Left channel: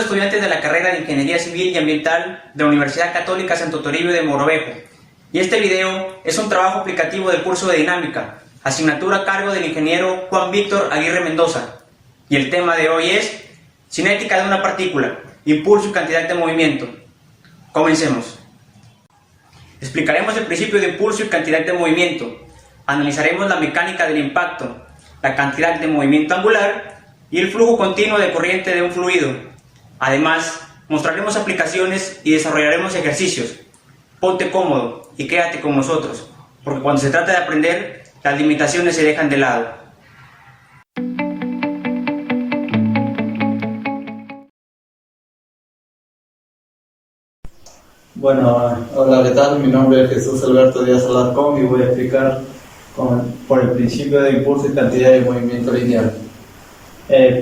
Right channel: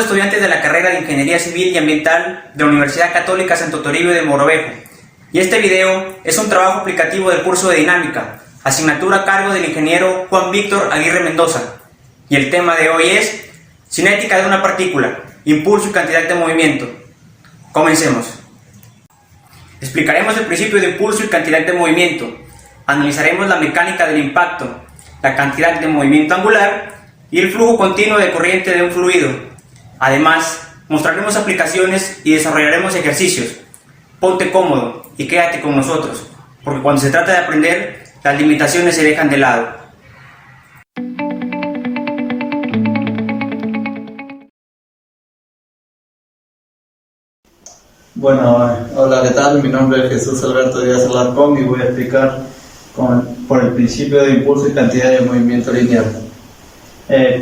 Somos estudiantes de la carrera de Ingeniería Civil y Ambiental de la Universidad Católica Santo Toribio de Mogrovejo, y este video es un trabajo aplicativo del curso de Dinámica, asignatura a cargo del ingeniero Juan Víctor Aguirre Mendoza, y el tema de hoy es cinética de una partícula, impulso y cantidad de movimiento. Comencemos. Explicaremos el principio de impulso y cantidad de movimiento, analizaremos la mecánica del impacto, la cantidad de movimiento angular y el flujo continuo de corriente de un fluido. Además, mostraremos aplicaciones y desarrollaremos ejercicios. Ponte cómodo y quédate con nosotros, porque cuando se trata de aprender, las limitaciones se dejan de lado. Bueno, hola, ¿qué tal? Mi nombre es Jesús Alberto Díaz Alarcón y voy a explicar por el principio de impulso y cantidad de movimiento lineal.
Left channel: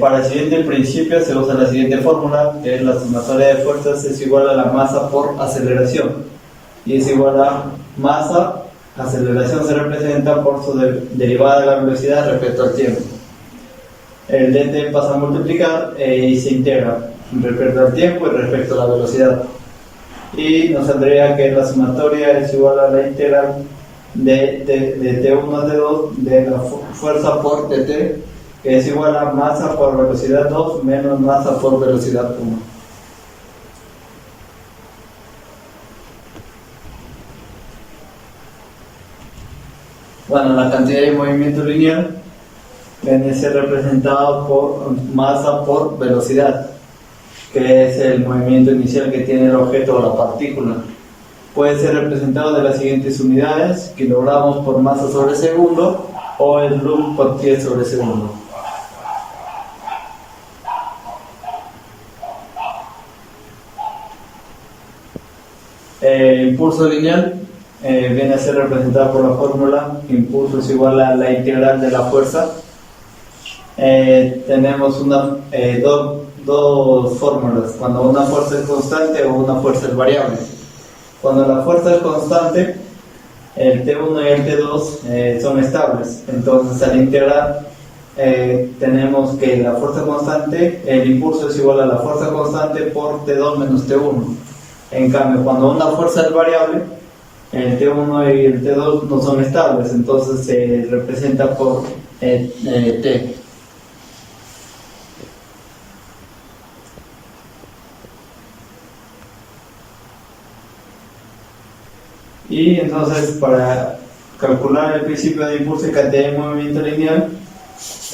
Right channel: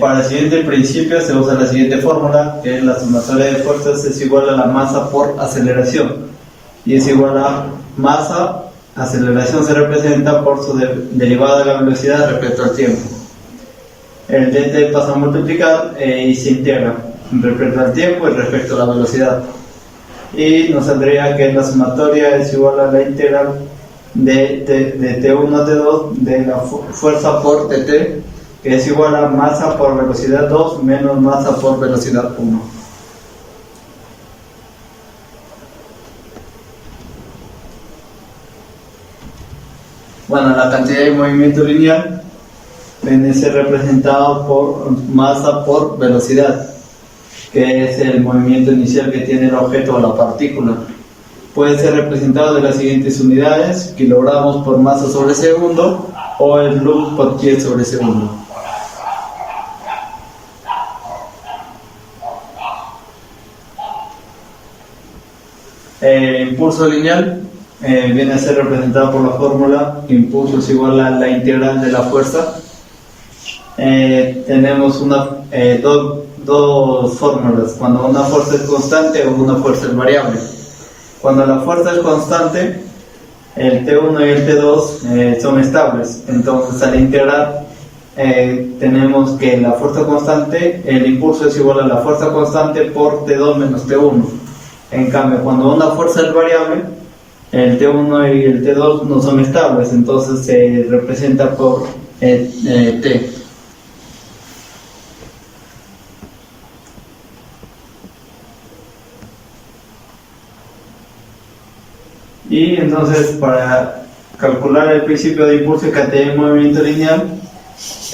Para el siguiente principio se usa la siguiente fórmula, que es la sumatoria de fuerzas es igual a la masa por aceleración, y es igual a masa, aceleración se representa por su derivada de la velocidad respecto al tiempo. El dt pasa a multiplicar y se integra respecto al tiempo y respecto a la velocidad, y nos saldría que la sumatoria es igual a la integral de T1 a T2 de la fuerza por dt, que es igual a masa por velocidad 2 menos masa por velocidad 1. Bueno, la cantidad de movimiento lineal viene a ser representado por masa por velocidad, que es el movimiento inicial que tiene el objeto o la partícula. Puede ser representado de las siguientes unidades: kilogramos por masa sobre segundo o el joule por pie sobre segundo. Impulso lineal viene a ser representado por la fórmula impulso es igual a la integral de la fuerza. Tenemos dos fórmulas: cuando una fuerza es constante o una fuerza es variable. Cuando la fuerza es constante, el T1 y el T2 son estables, entonces al integrar tenemos que la fuerza constante, el impulso es igual a la fuerza constante por T2 menos T1. En cambio, cuando una fuerza es variable, el T1 y el T2 no son estables, entonces se representa por T. Y entonces, para calcular el principio de impulso y cantidad de movimiento lineal,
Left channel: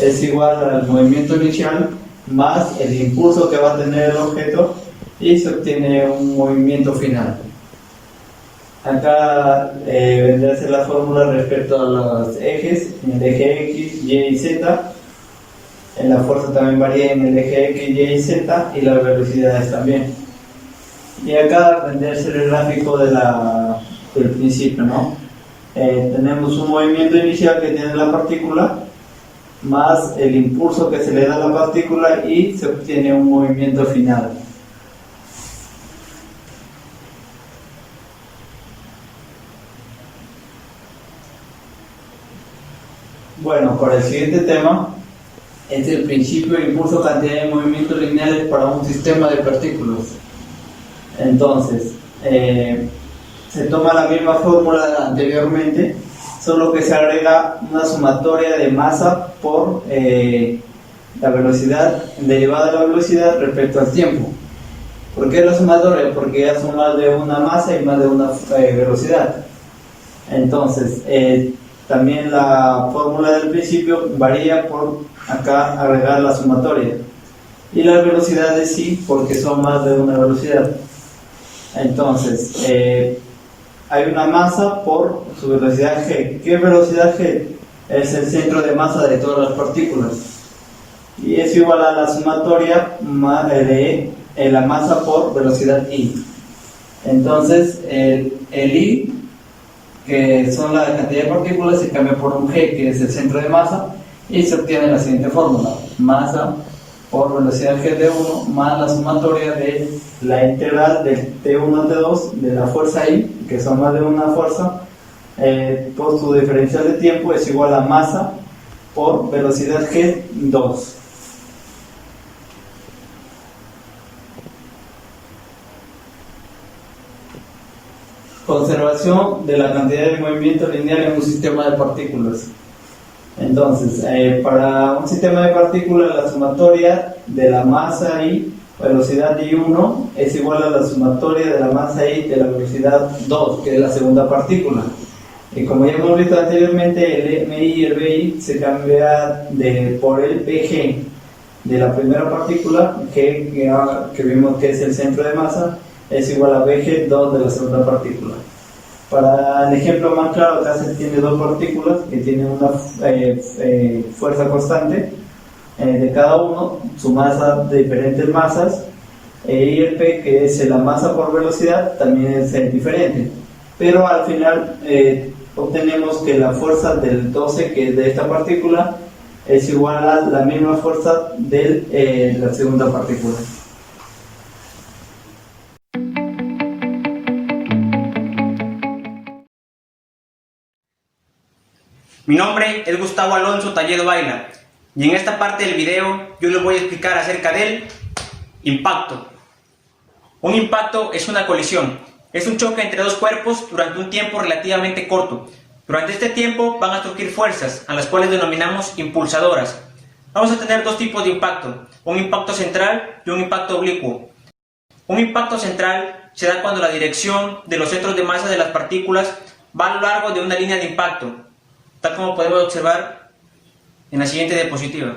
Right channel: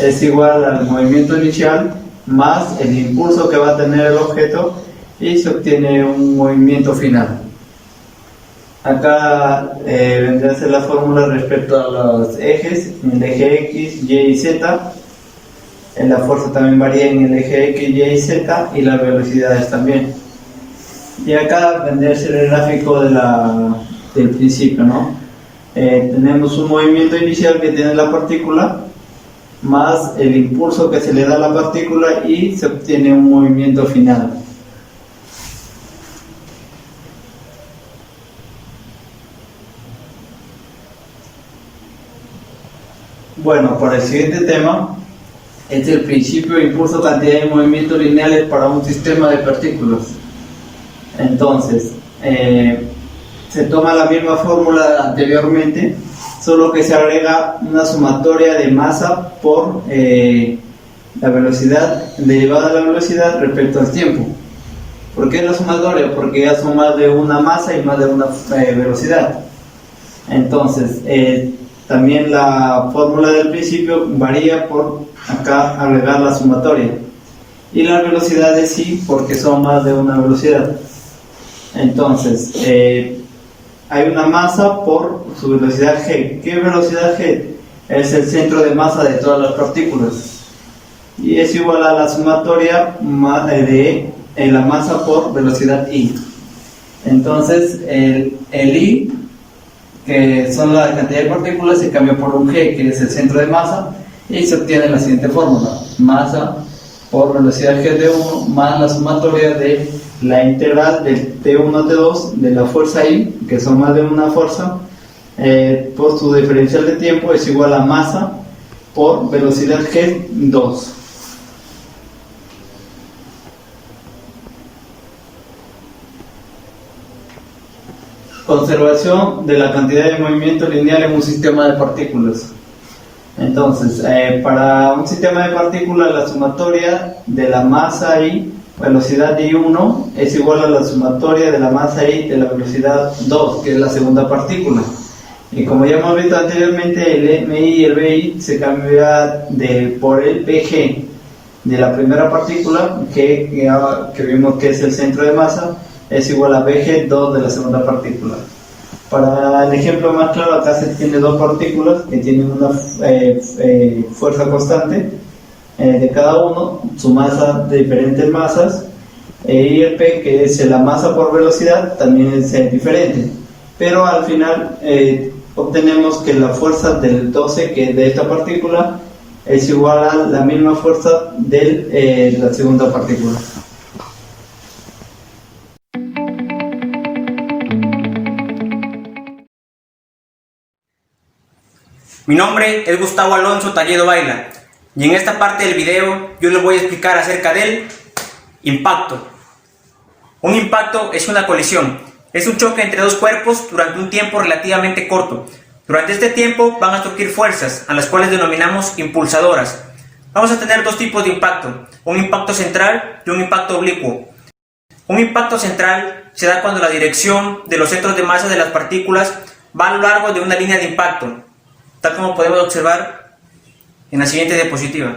es igual al movimiento inicial más el impulso que va a tener el objeto, y se obtiene un movimiento final. Acá vendrá a ser la fórmula respecto a los ejes, en el eje X, Y y Z. La fuerza también varía en el eje X, Y y Z, y las velocidades también. Y acá vendrá a ser el gráfico del principio, ¿no? Tenemos un movimiento inicial que tiene la partícula más el impulso que se le da a la partícula, y se obtiene un movimiento final. Bueno, para el siguiente tema es el principio de impulso, cantidad de movimientos lineales para un sistema de partículas. Entonces, se toma la misma fórmula anteriormente, solo que se agrega una sumatoria de masa por la velocidad, derivada de la velocidad respecto al tiempo. ¿Por qué la sumatoria? Porque ya son más de una masa y más de una velocidad. Entonces, también la fórmula del principio varía por acá agregar la sumatoria, y las velocidades sí, porque son más de una velocidad. Entonces, hay una masa por su velocidad g. ¿Qué velocidad g? Es el centro de masa de todas las partículas, y es igual a la sumatoria de la masa por velocidad i. Entonces, el i, que son la cantidad de partículas, se cambia por un g, que es el centro de masa, y se obtiene la siguiente fórmula: masa por velocidad g de 1 más la sumatoria de la integral del T1 a T2 de la fuerza I, que son más de una fuerza, por su diferencial de tiempo, es igual a masa por velocidad g2. Conservación de la cantidad de movimiento lineal en un sistema de partículas. Entonces, para un sistema de partículas, la sumatoria de la masa I, velocidad I1, es igual a la sumatoria de la masa I de la velocidad 2, que es la segunda partícula. Y como ya hemos visto anteriormente, el MI y el BI se cambia por el PG de la primera partícula, que vimos que es el centro de masa, es igual a BG2 de la segunda partícula. Para el ejemplo más claro, acá se tiene dos partículas que tienen una fuerza constante de cada uno, su masa de diferentes masas, y el P, que es la masa por velocidad, también es diferente. Pero al final obtenemos que la fuerza del 12, que es de esta partícula, es igual a la misma fuerza de la segunda partícula. Mi nombre es Gustavo Alonso Talledo Baila y en esta parte del video yo les voy a explicar acerca del impacto. Un impacto es una colisión, es un choque entre dos cuerpos durante un tiempo relativamente corto. Durante este tiempo van a surgir fuerzas, a las cuales denominamos impulsadoras. Vamos a tener dos tipos de impacto, un impacto central y un impacto oblicuo. Un impacto central se da cuando la dirección de los centros de masa de las partículas va a lo largo de una línea de impacto, tal como podemos observar en la siguiente diapositiva.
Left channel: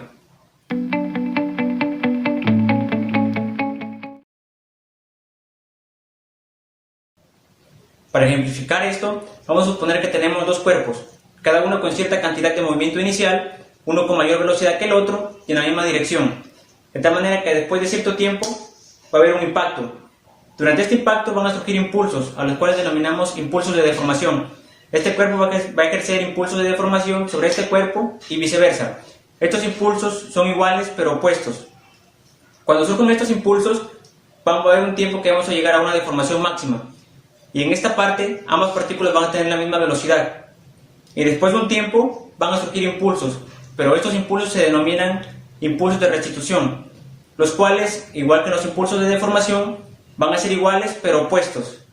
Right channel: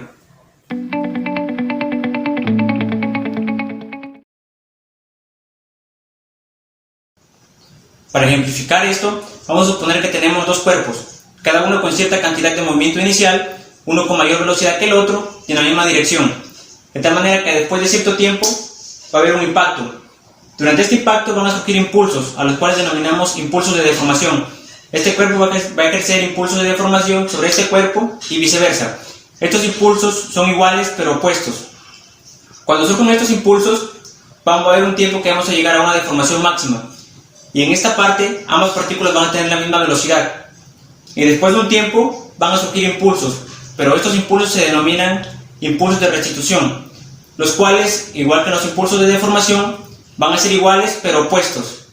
Para ejemplificar esto, vamos a suponer que tenemos dos cuerpos, cada uno con cierta cantidad de movimiento inicial, uno con mayor velocidad que el otro y en la misma dirección, de tal manera que después de cierto tiempo va a haber un impacto. Durante este impacto van a surgir impulsos, a los cuales denominamos impulsos de deformación. Este cuerpo va a ejercer impulsos de deformación sobre este cuerpo y viceversa. Estos impulsos son iguales pero opuestos. Cuando surgen estos impulsos, va a haber un tiempo que vamos a llegar a una deformación máxima. Y en esta parte, ambas partículas van a tener la misma velocidad. Y después de un tiempo, van a surgir impulsos, pero estos impulsos se denominan impulsos de restitución, los cuales, igual que los impulsos de deformación, van a ser iguales pero opuestos.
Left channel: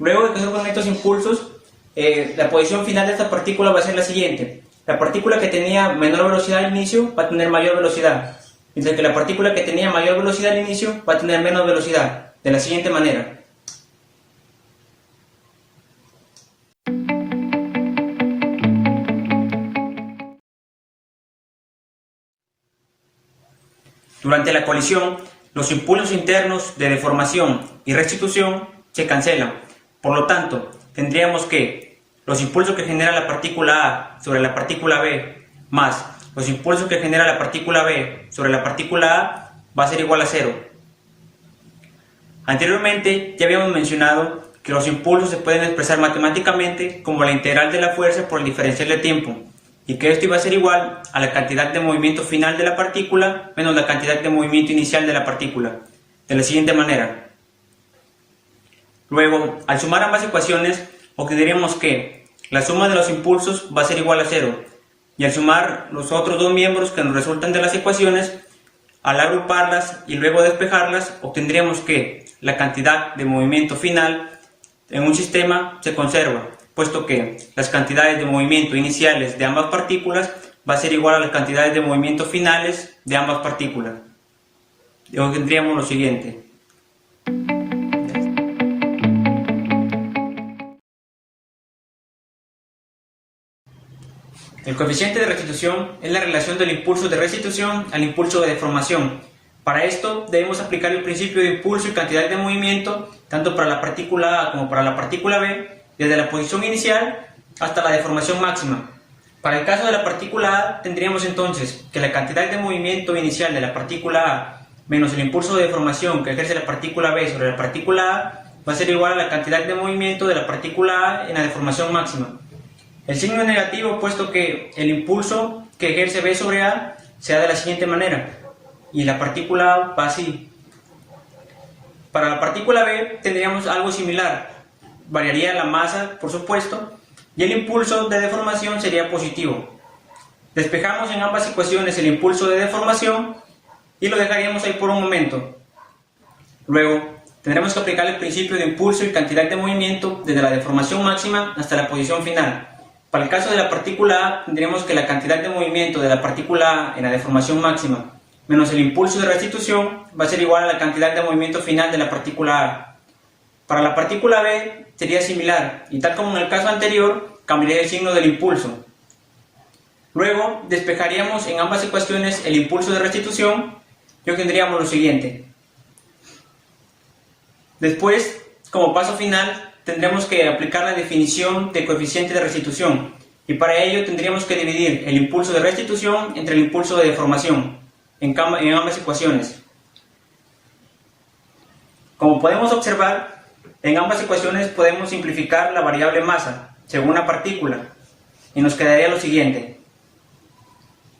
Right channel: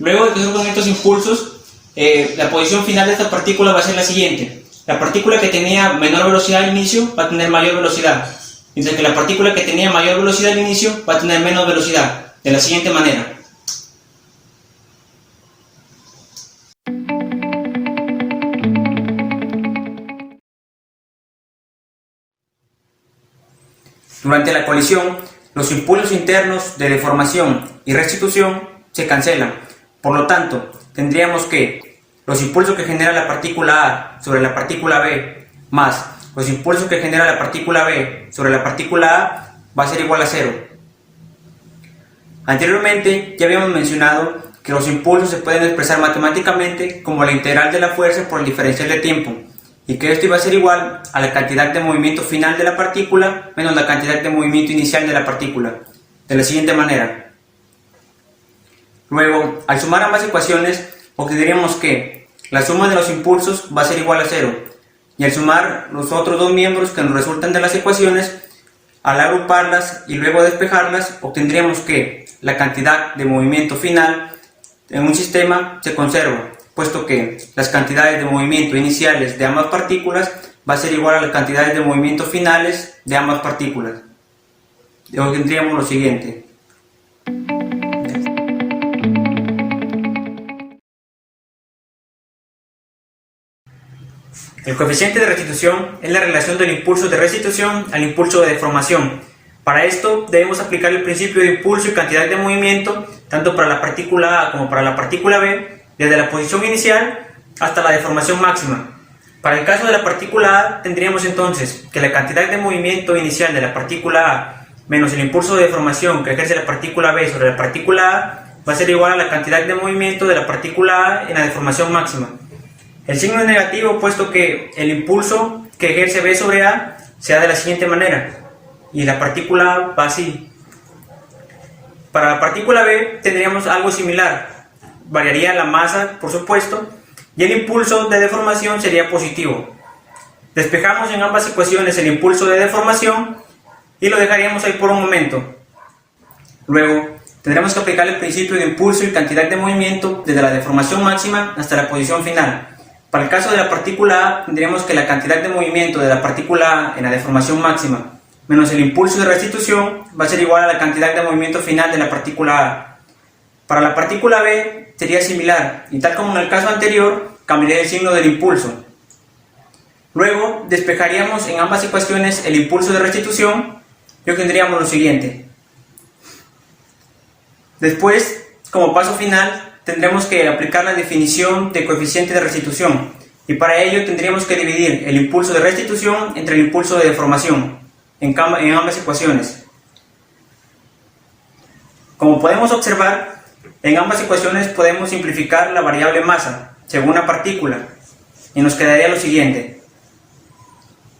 Luego de que surjan estos impulsos, la posición final de esta partícula va a ser la siguiente. La partícula que tenía menor velocidad al inicio va a tener mayor velocidad, mientras que la partícula que tenía mayor velocidad al inicio va a tener menos velocidad, de la siguiente manera. Durante la colisión, los impulsos internos de deformación y restitución se cancelan. Por lo tanto, tendríamos que los impulsos que genera la partícula A sobre la partícula B más los impulsos que genera la partícula B sobre la partícula A va a ser igual a 0. Anteriormente ya habíamos mencionado que los impulsos se pueden expresar matemáticamente como la integral de la fuerza por el diferencial de tiempo, y que esto iba a ser igual a la cantidad de movimiento final de la partícula menos la cantidad de movimiento inicial de la partícula, de la siguiente manera. Luego, al sumar ambas ecuaciones, obtendríamos que la suma de los impulsos va a ser igual a 0, y al sumar los otros dos miembros que nos resultan de las ecuaciones, al agruparlas y luego despejarlas, obtendríamos que la cantidad de movimiento final en un sistema se conserva, puesto que las cantidades de movimiento iniciales de ambas partículas va a ser igual a las cantidades de movimiento finales de ambas partículas. Y obtendríamos lo siguiente. El coeficiente de restitución es la relación del impulso de restitución al impulso de deformación. Para esto debemos aplicar el principio de impulso y cantidad de movimiento tanto para la partícula A como para la partícula B, desde la posición inicial hasta la deformación máxima. Para el caso de la partícula A, tendríamos entonces que la cantidad de movimiento inicial de la partícula A menos el impulso de deformación que ejerce la partícula B sobre la partícula A va a ser igual a la cantidad de movimiento de la partícula A en la deformación máxima. El signo es negativo puesto que el impulso que ejerce B sobre A se da de la siguiente manera y la partícula A va así. Para la partícula B tendríamos algo similar, variaría la masa por supuesto y el impulso de deformación sería positivo. Despejamos en ambas ecuaciones el impulso de deformación y lo dejaríamos ahí por un momento. Luego, tendremos que aplicar el principio de impulso y cantidad de movimiento desde la deformación máxima hasta la posición final. Para el caso de la partícula A, tendremos que la cantidad de movimiento de la partícula A en la deformación máxima menos el impulso de restitución va a ser igual a la cantidad de movimiento final de la partícula A. Para la partícula B sería similar, y tal como en el caso anterior, cambiaría el signo del impulso. Luego despejaríamos en ambas ecuaciones el impulso de restitución y obtendríamos lo siguiente. Después, como paso final, tendremos que aplicar la definición de coeficiente de restitución, y para ello tendríamos que dividir el impulso de restitución entre el impulso de deformación en ambas ecuaciones. Como podemos observar, en ambas ecuaciones podemos simplificar la variable masa según la partícula y nos quedaría lo siguiente.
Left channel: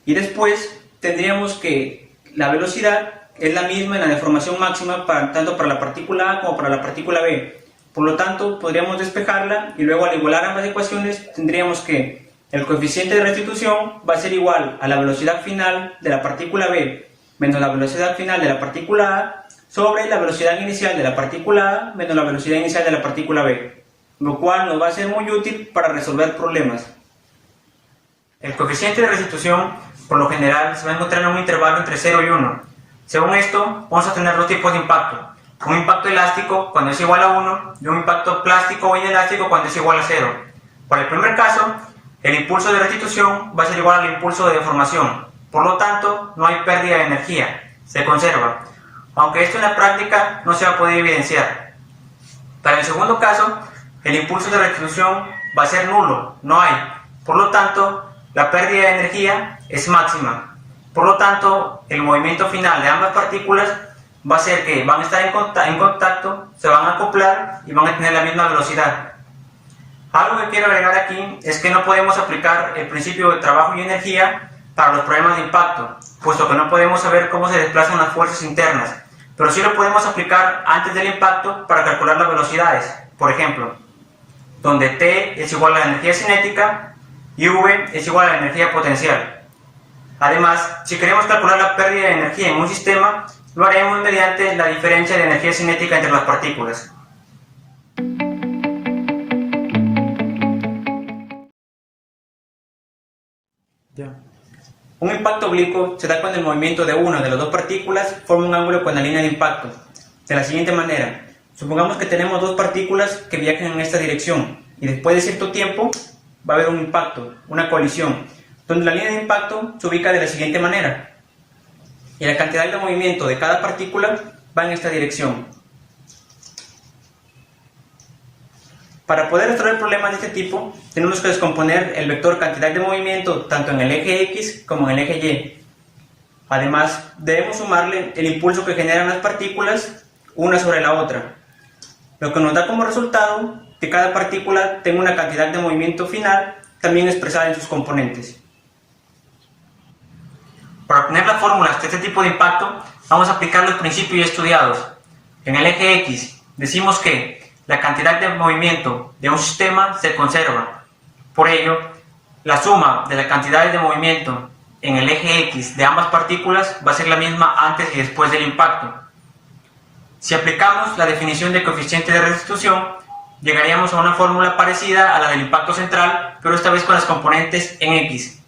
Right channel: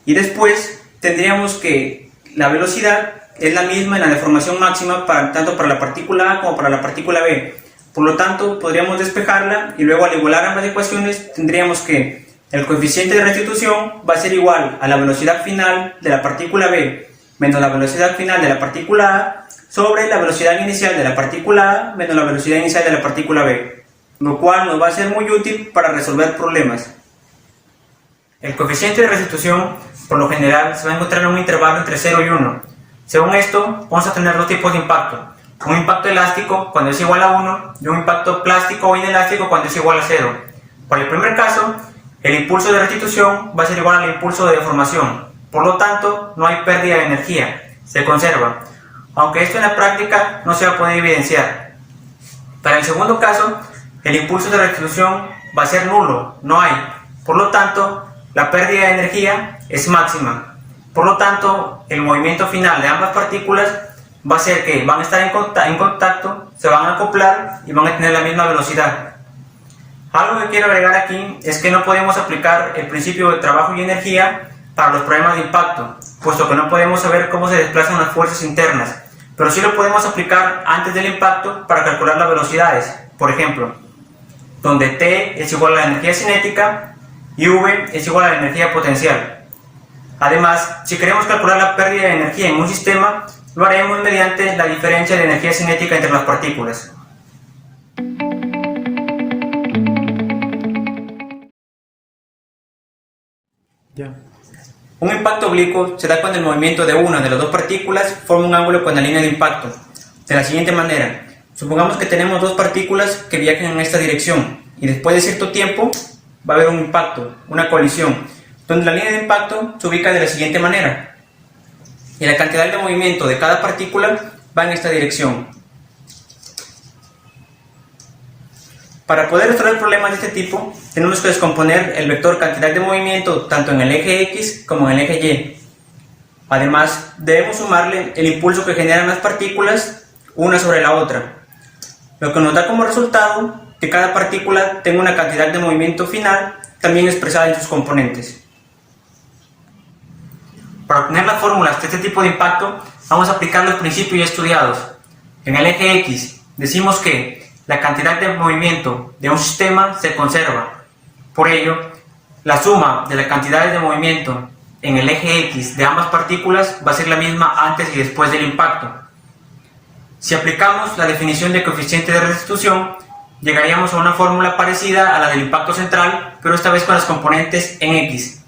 Y después tendríamos que la velocidad es la misma en la deformación máxima tanto para la partícula A como para la partícula B. Por lo tanto, podríamos despejarla y luego al igualar ambas ecuaciones tendríamos que el coeficiente de restitución va a ser igual a la velocidad final de la partícula B menos la velocidad final de la partícula A sobre la velocidad inicial de la partícula A menos la velocidad inicial de la partícula B, lo cual nos va a ser muy útil para resolver problemas. El coeficiente de restitución, por lo general, se va a encontrar en un intervalo entre 0 y 1. Según esto, vamos a tener dos tipos de impacto. Un impacto elástico cuando es igual a 1 y un impacto plástico o inelástico cuando es igual a 0. Para el primer caso, el impulso de restitución va a ser igual al impulso de deformación. Por lo tanto, no hay pérdida de energía, se conserva. Aunque esto en la práctica no se va a poder evidenciar. Para el segundo caso, el impulso de restitución va a ser nulo, no hay. Por lo tanto, la pérdida de energía es máxima. Por lo tanto, el movimiento final de ambas partículas va a ser que van a estar en contacto, se van a acoplar y van a tener la misma velocidad. Algo que quiero agregar aquí es que no podemos aplicar el principio de trabajo y energía para los problemas de impacto, puesto que no podemos saber cómo se desplazan las fuerzas internas, pero sí lo podemos aplicar antes del impacto para calcular las velocidades. Por ejemplo, donde T es igual a la energía cinética y V es igual a la energía potencial. Además, si queremos calcular la pérdida de energía en un sistema, lo haremos mediante la diferencia de energía cinética entre las partículas. Un impacto oblicuo se da cuando el movimiento de una de las dos partículas forma un ángulo con la línea de impacto. De la siguiente manera, supongamos que tenemos dos partículas que viajan en esta dirección y después de cierto tiempo va a haber un impacto, una colisión, donde la línea de impacto se ubica de la siguiente manera y la cantidad de movimiento de cada partícula va en esta dirección. Para poder resolver problemas de este tipo, tenemos que descomponer el vector cantidad de movimiento tanto en el eje X como en el eje Y. Además, debemos sumarle el impulso que generan las partículas una sobre la otra, lo que nos da como resultado que cada partícula tenga una cantidad de movimiento final también expresada en sus componentes. Para obtener las fórmulas de este tipo de impacto, vamos a aplicar los principios ya estudiados. En el eje X decimos que la cantidad de movimiento de un sistema se conserva. Por ello, la suma de la cantidad de movimiento en el eje X de ambas partículas va a ser la misma antes y después del impacto. Si aplicamos la definición de coeficiente de restitución, llegaríamos a una fórmula parecida a la del impacto central, pero esta vez con las componentes en X.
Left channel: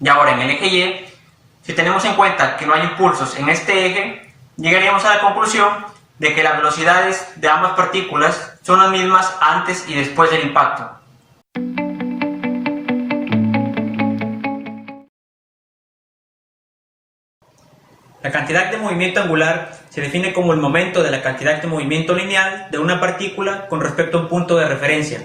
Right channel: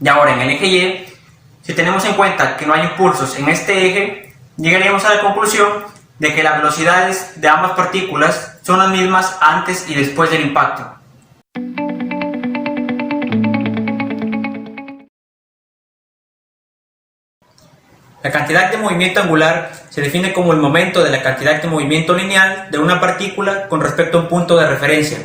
Y ahora en el eje Y, si tenemos en cuenta que no hay impulsos en este eje, llegaríamos a la conclusión de que las velocidades de ambas partículas son las mismas antes y después del impacto. La cantidad de movimiento angular se define como el momento de la cantidad de movimiento lineal de una partícula con respecto a un punto de referencia.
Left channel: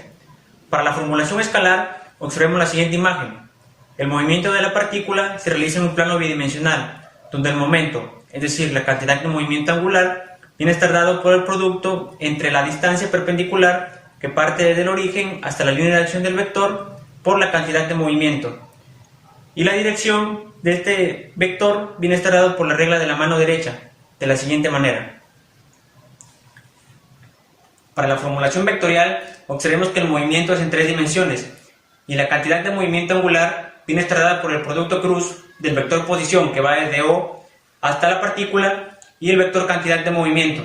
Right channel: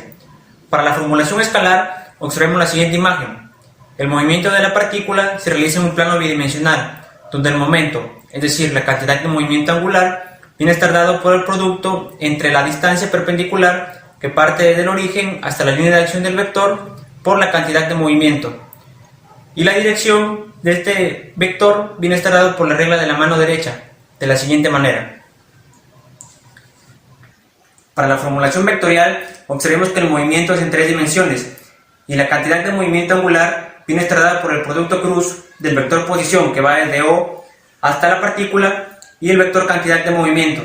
Para la formulación escalar, observemos la siguiente imagen. El movimiento de la partícula se realiza en un plano bidimensional, donde el momento, es decir, la cantidad de movimiento angular, viene a estar dado por el producto entre la distancia perpendicular que parte del origen hasta la línea de acción del vector por la cantidad de movimiento. Y la dirección de este vector viene a estar dado por la regla de la mano derecha, de la siguiente manera. Para la formulación vectorial, observemos que el movimiento es en 3 dimensiones y la cantidad de movimiento angular viene a estar dada por el producto cruz del vector posición que va desde O hasta la partícula y el vector cantidad de movimiento.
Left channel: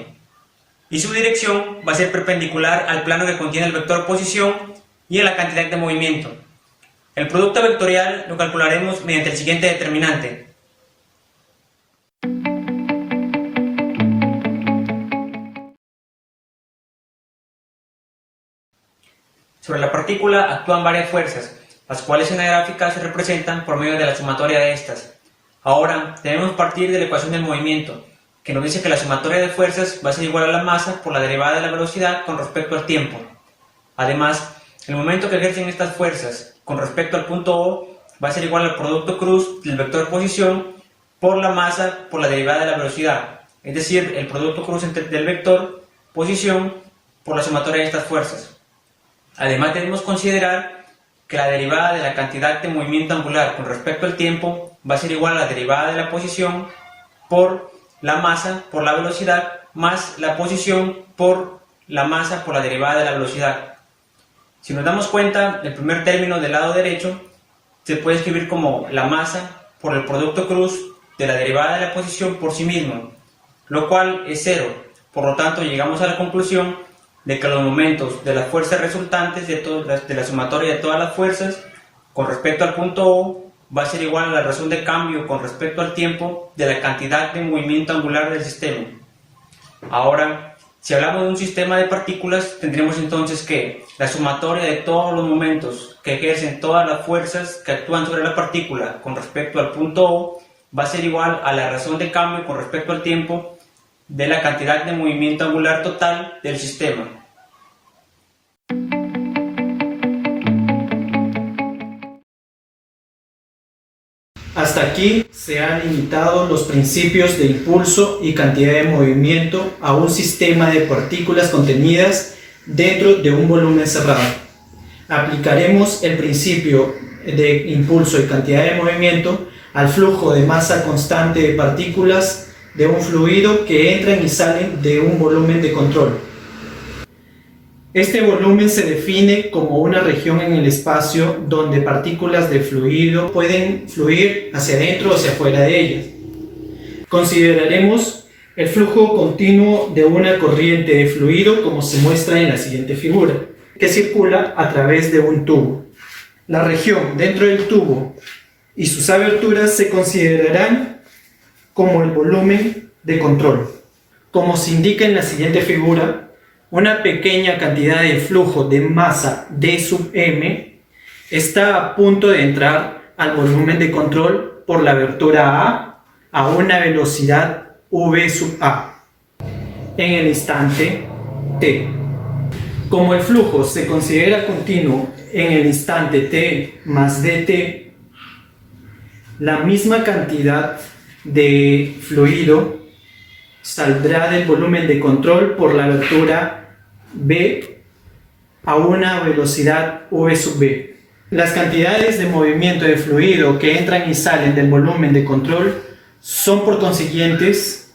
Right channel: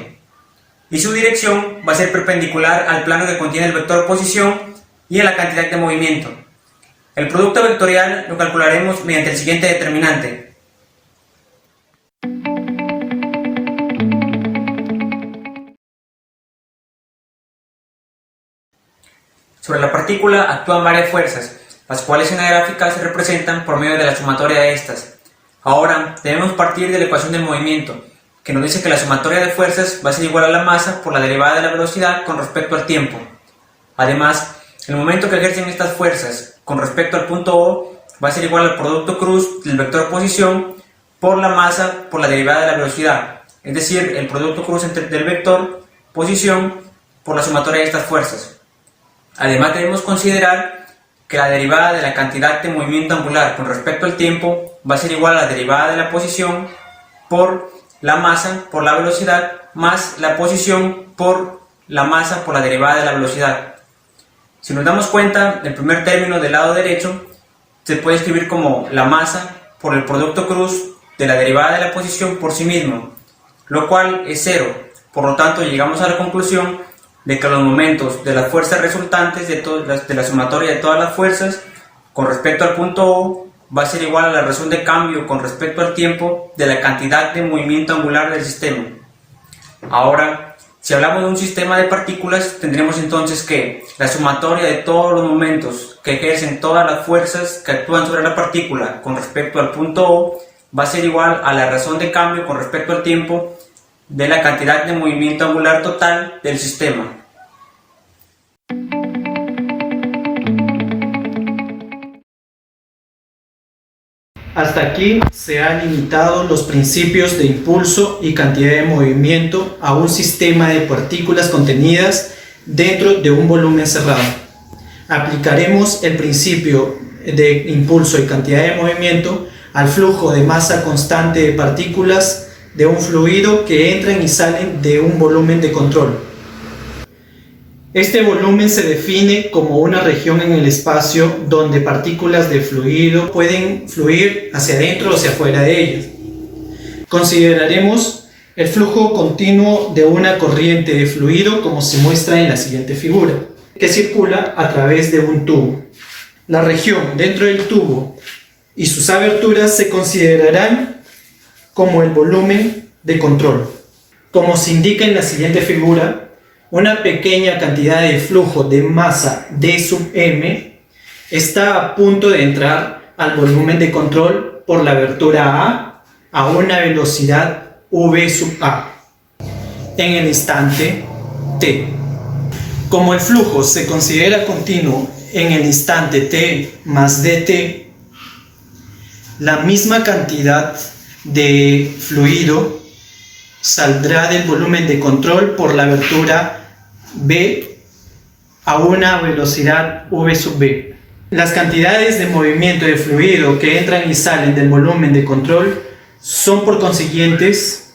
y su dirección va a ser perpendicular al plano que contiene el vector posición y a la cantidad de movimiento. El producto vectorial lo calcularemos mediante el siguiente determinante. Sobre la partícula actúan varias fuerzas, las cuales en la gráfica se representan por medio de la sumatoria de estas. Ahora debemos partir de la ecuación del movimiento, que nos dice que la sumatoria de fuerzas va a ser igual a la masa por la derivada de la velocidad con respecto al tiempo. Además, el momento que ejercen estas fuerzas con respecto al punto O va a ser igual al producto cruz del vector posición por la masa por la derivada de la velocidad, es decir, el producto cruz del vector posición por la sumatoria de estas fuerzas. Además debemos considerar que la derivada de la cantidad de movimiento angular con respecto al tiempo va a ser igual a la derivada de la posición por la masa por la velocidad más la posición por la masa por la derivada de la velocidad. Si nos damos cuenta, el primer término del lado derecho se puede escribir como la masa por el producto cruz de la derivada de la posición por sí mismo, lo cual es cero. Por lo tanto, llegamos a la conclusión de que los momentos de las fuerzas resultantes de la sumatoria de todas las fuerzas con respecto al punto O va a ser igual a la razón de cambio con respecto al tiempo de la cantidad de movimiento angular del sistema. Ahora, si hablamos de un sistema de partículas, tendremos entonces que la sumatoria de todos los momentos que ejercen todas las fuerzas que actúan sobre la partícula con respecto al punto O va a ser igual a la razón de cambio con respecto al tiempo de la cantidad de movimiento angular total del sistema. Hasta aquí se han limitado los principios de impulso y cantidad de movimiento a un sistema de partículas contenidas dentro de un volumen cerrado. Aplicaremos el principio de impulso y cantidad de movimiento al flujo de masa constante de partículas de un fluido que entran y salen de un volumen de control. Este volumen se define como una región en el espacio donde partículas de fluido pueden fluir hacia adentro o hacia afuera de ellas. Consideraremos el flujo continuo de una corriente de fluido como se muestra en la siguiente figura, que circula a través de un tubo. La región dentro del tubo y sus aberturas se considerarán como el volumen de control. Como se indica en la siguiente figura, una pequeña cantidad de flujo de masa D sub m está a punto de entrar al volumen de control por la abertura a una velocidad v sub a en el instante t. Como el flujo se considera continuo en el instante t más dt, la misma cantidad de fluido saldrá del volumen de control por la abertura B a una velocidad v sub b. Las cantidades de movimiento de fluido que entran y salen del volumen de control son por consiguientes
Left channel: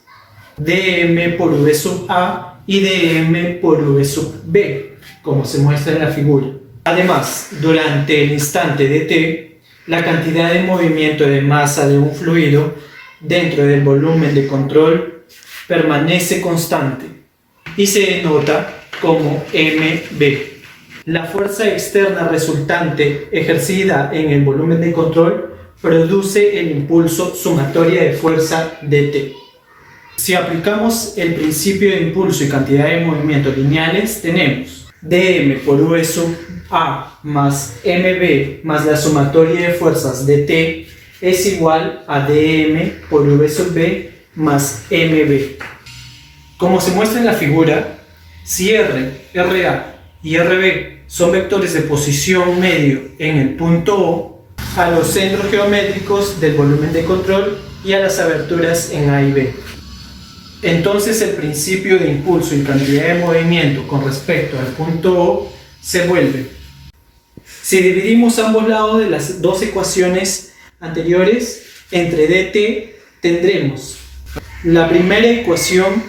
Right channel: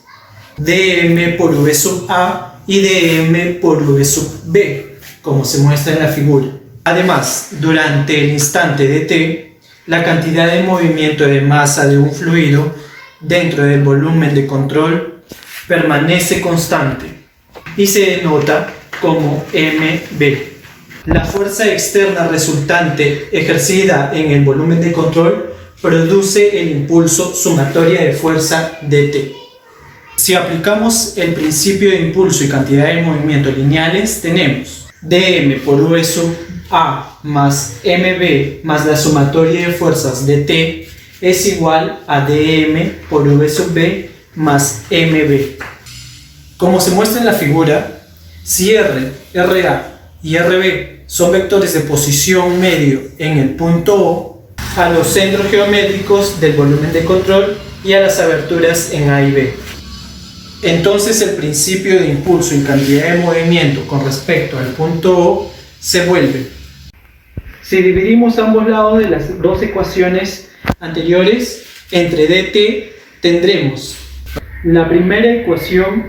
dm por v sub a y dm por v sub b, como se muestra en la figura. Además, durante el instante de t, la cantidad de movimiento de masa de un fluido dentro del volumen de control permanece constante y se denota como mb. La fuerza externa resultante ejercida en el volumen de control produce el impulso sumatoria de fuerza dt. Si aplicamos el principio de impulso y cantidad de movimiento lineales, tenemos dm por v sub a más mb más la sumatoria de fuerzas dt es igual a dm por v sub b más mb. Como se muestra en la figura, si r, ra y rb son vectores de posición medio en el punto O, a los centros geométricos del volumen de control y a las aberturas en A y B. Entonces el principio de impulso y cantidad de movimiento con respecto al punto O se vuelve. Si dividimos ambos lados de las dos ecuaciones anteriores entre dt, tendremos la primera ecuación,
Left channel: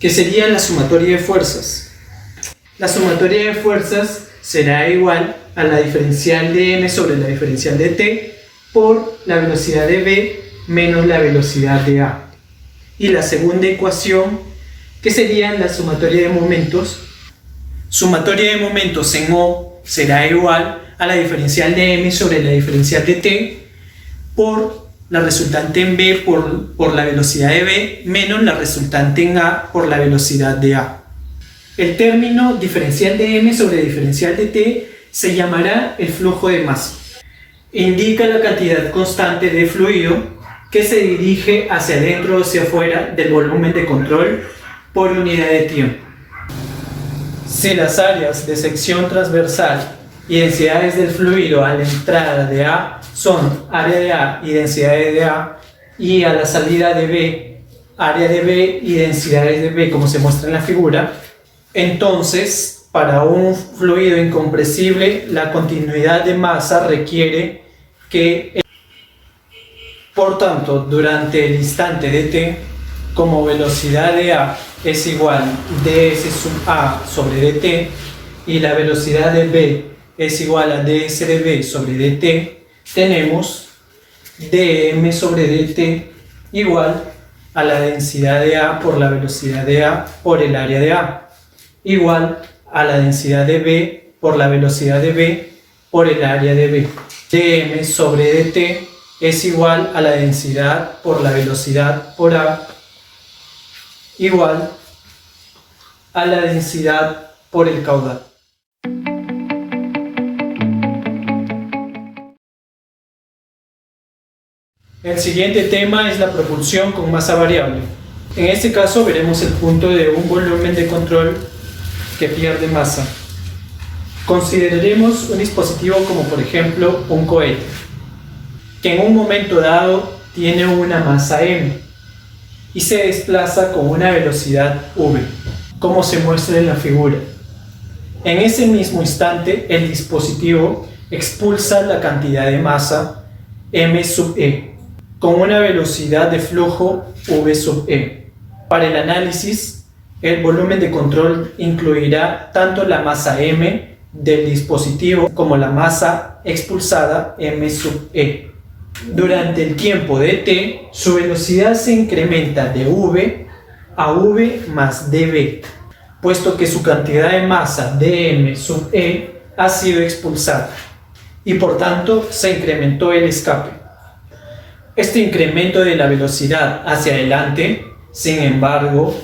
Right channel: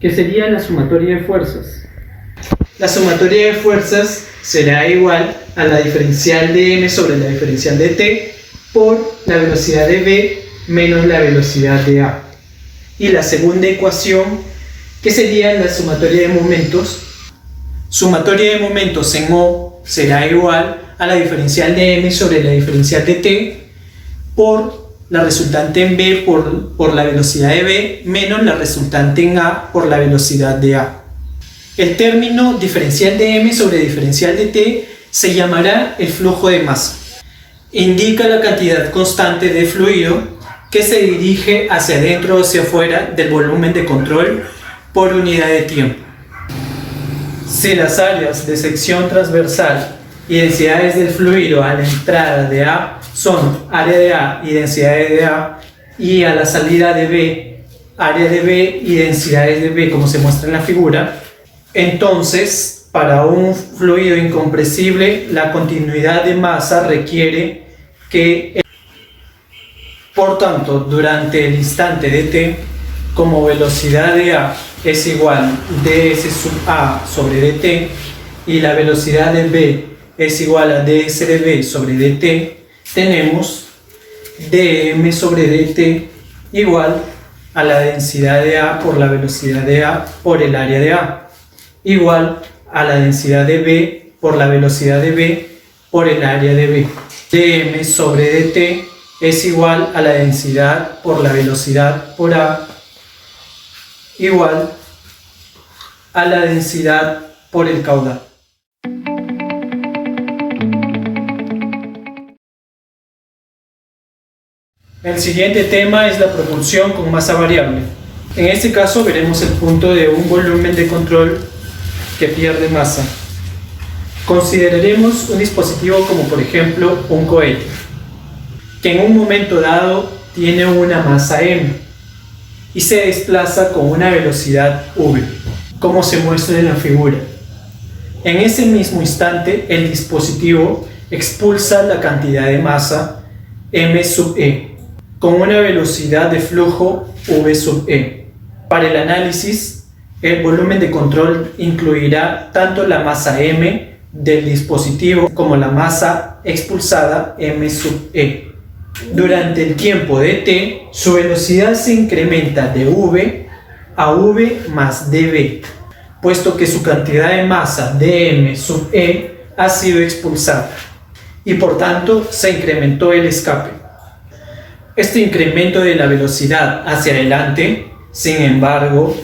que sería la sumatoria de fuerzas. La sumatoria de fuerzas será igual a la diferencial de m sobre la diferencial de t por la velocidad de b menos la velocidad de a. Y la segunda ecuación que sería la sumatoria de momentos. Sumatoria de momentos en O será igual a la diferencial de M sobre la diferencial de T por la resultante en B por la velocidad de B menos la resultante en A por la velocidad de A. El término diferencial de M sobre diferencial de T se llamará el flujo de masa. Indica la cantidad constante de fluido que se dirige hacia adentro o hacia afuera del volumen de control por unidad de tiempo. Si las áreas de sección transversal y densidades del fluido a la entrada de A son área de A y densidades de A, y a la salida de B, área de B y densidades de B, como se muestra en la figura, entonces para un fluido incompresible la continuidad de masa requiere que, por tanto, durante el instante de t, como velocidad de A es igual ds sub A sobre dt y la velocidad de B es igual a ds de B sobre dt, tenemos dm sobre dt igual a la densidad de A por la velocidad de A por el área de A, igual a la densidad de B por la velocidad de B por el área de B. dm sobre dt es igual a la densidad por la velocidad por A igual a la densidad por el caudal. El siguiente tema es la propulsión con masa variable. En este caso veremos el punto de un volumen de control que pierde masa. Consideraremos un dispositivo como por ejemplo un cohete, que en un momento dado tiene una masa m y se desplaza con una velocidad v, como se muestra en la figura. En ese mismo instante el dispositivo expulsa la cantidad de masa m sub e con una velocidad de flujo v sub e. Para el análisis, el volumen de control incluirá tanto la masa m del dispositivo como la masa expulsada m sub e. Durante el tiempo de t, su velocidad se incrementa de v a v más dv, puesto que su cantidad de masa dm sub e ha sido expulsada y por tanto se incrementó el escape. Este incremento de la velocidad hacia adelante, sin embargo,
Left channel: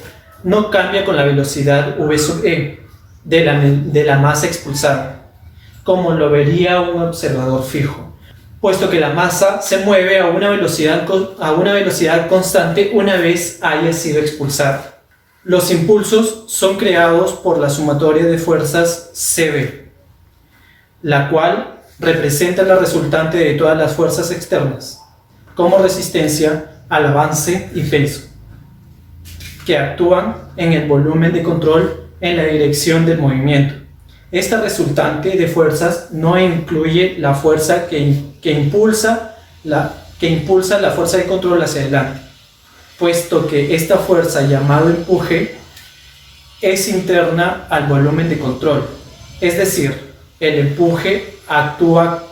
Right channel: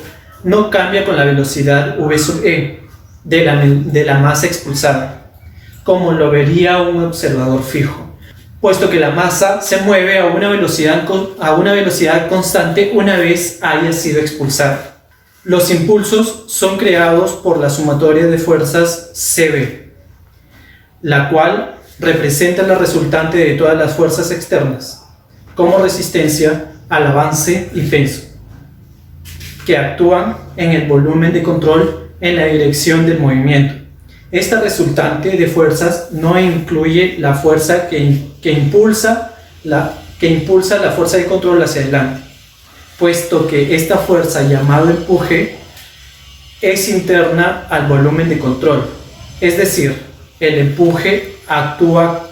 no cambia con la velocidad v sub e de la masa expulsada, como lo vería un observador fijo, puesto que la masa se mueve a una velocidad constante una vez haya sido expulsada. Los impulsos son creados por la sumatoria de fuerzas CB, la cual representa la resultante de todas las fuerzas externas, como resistencia al avance y peso, que actúan en el volumen de control en la dirección del movimiento. Esta resultante de fuerzas no incluye la fuerza que impulsa la fuerza de control hacia adelante, puesto que esta fuerza llamada empuje es interna al volumen de control, es decir, el empuje actúa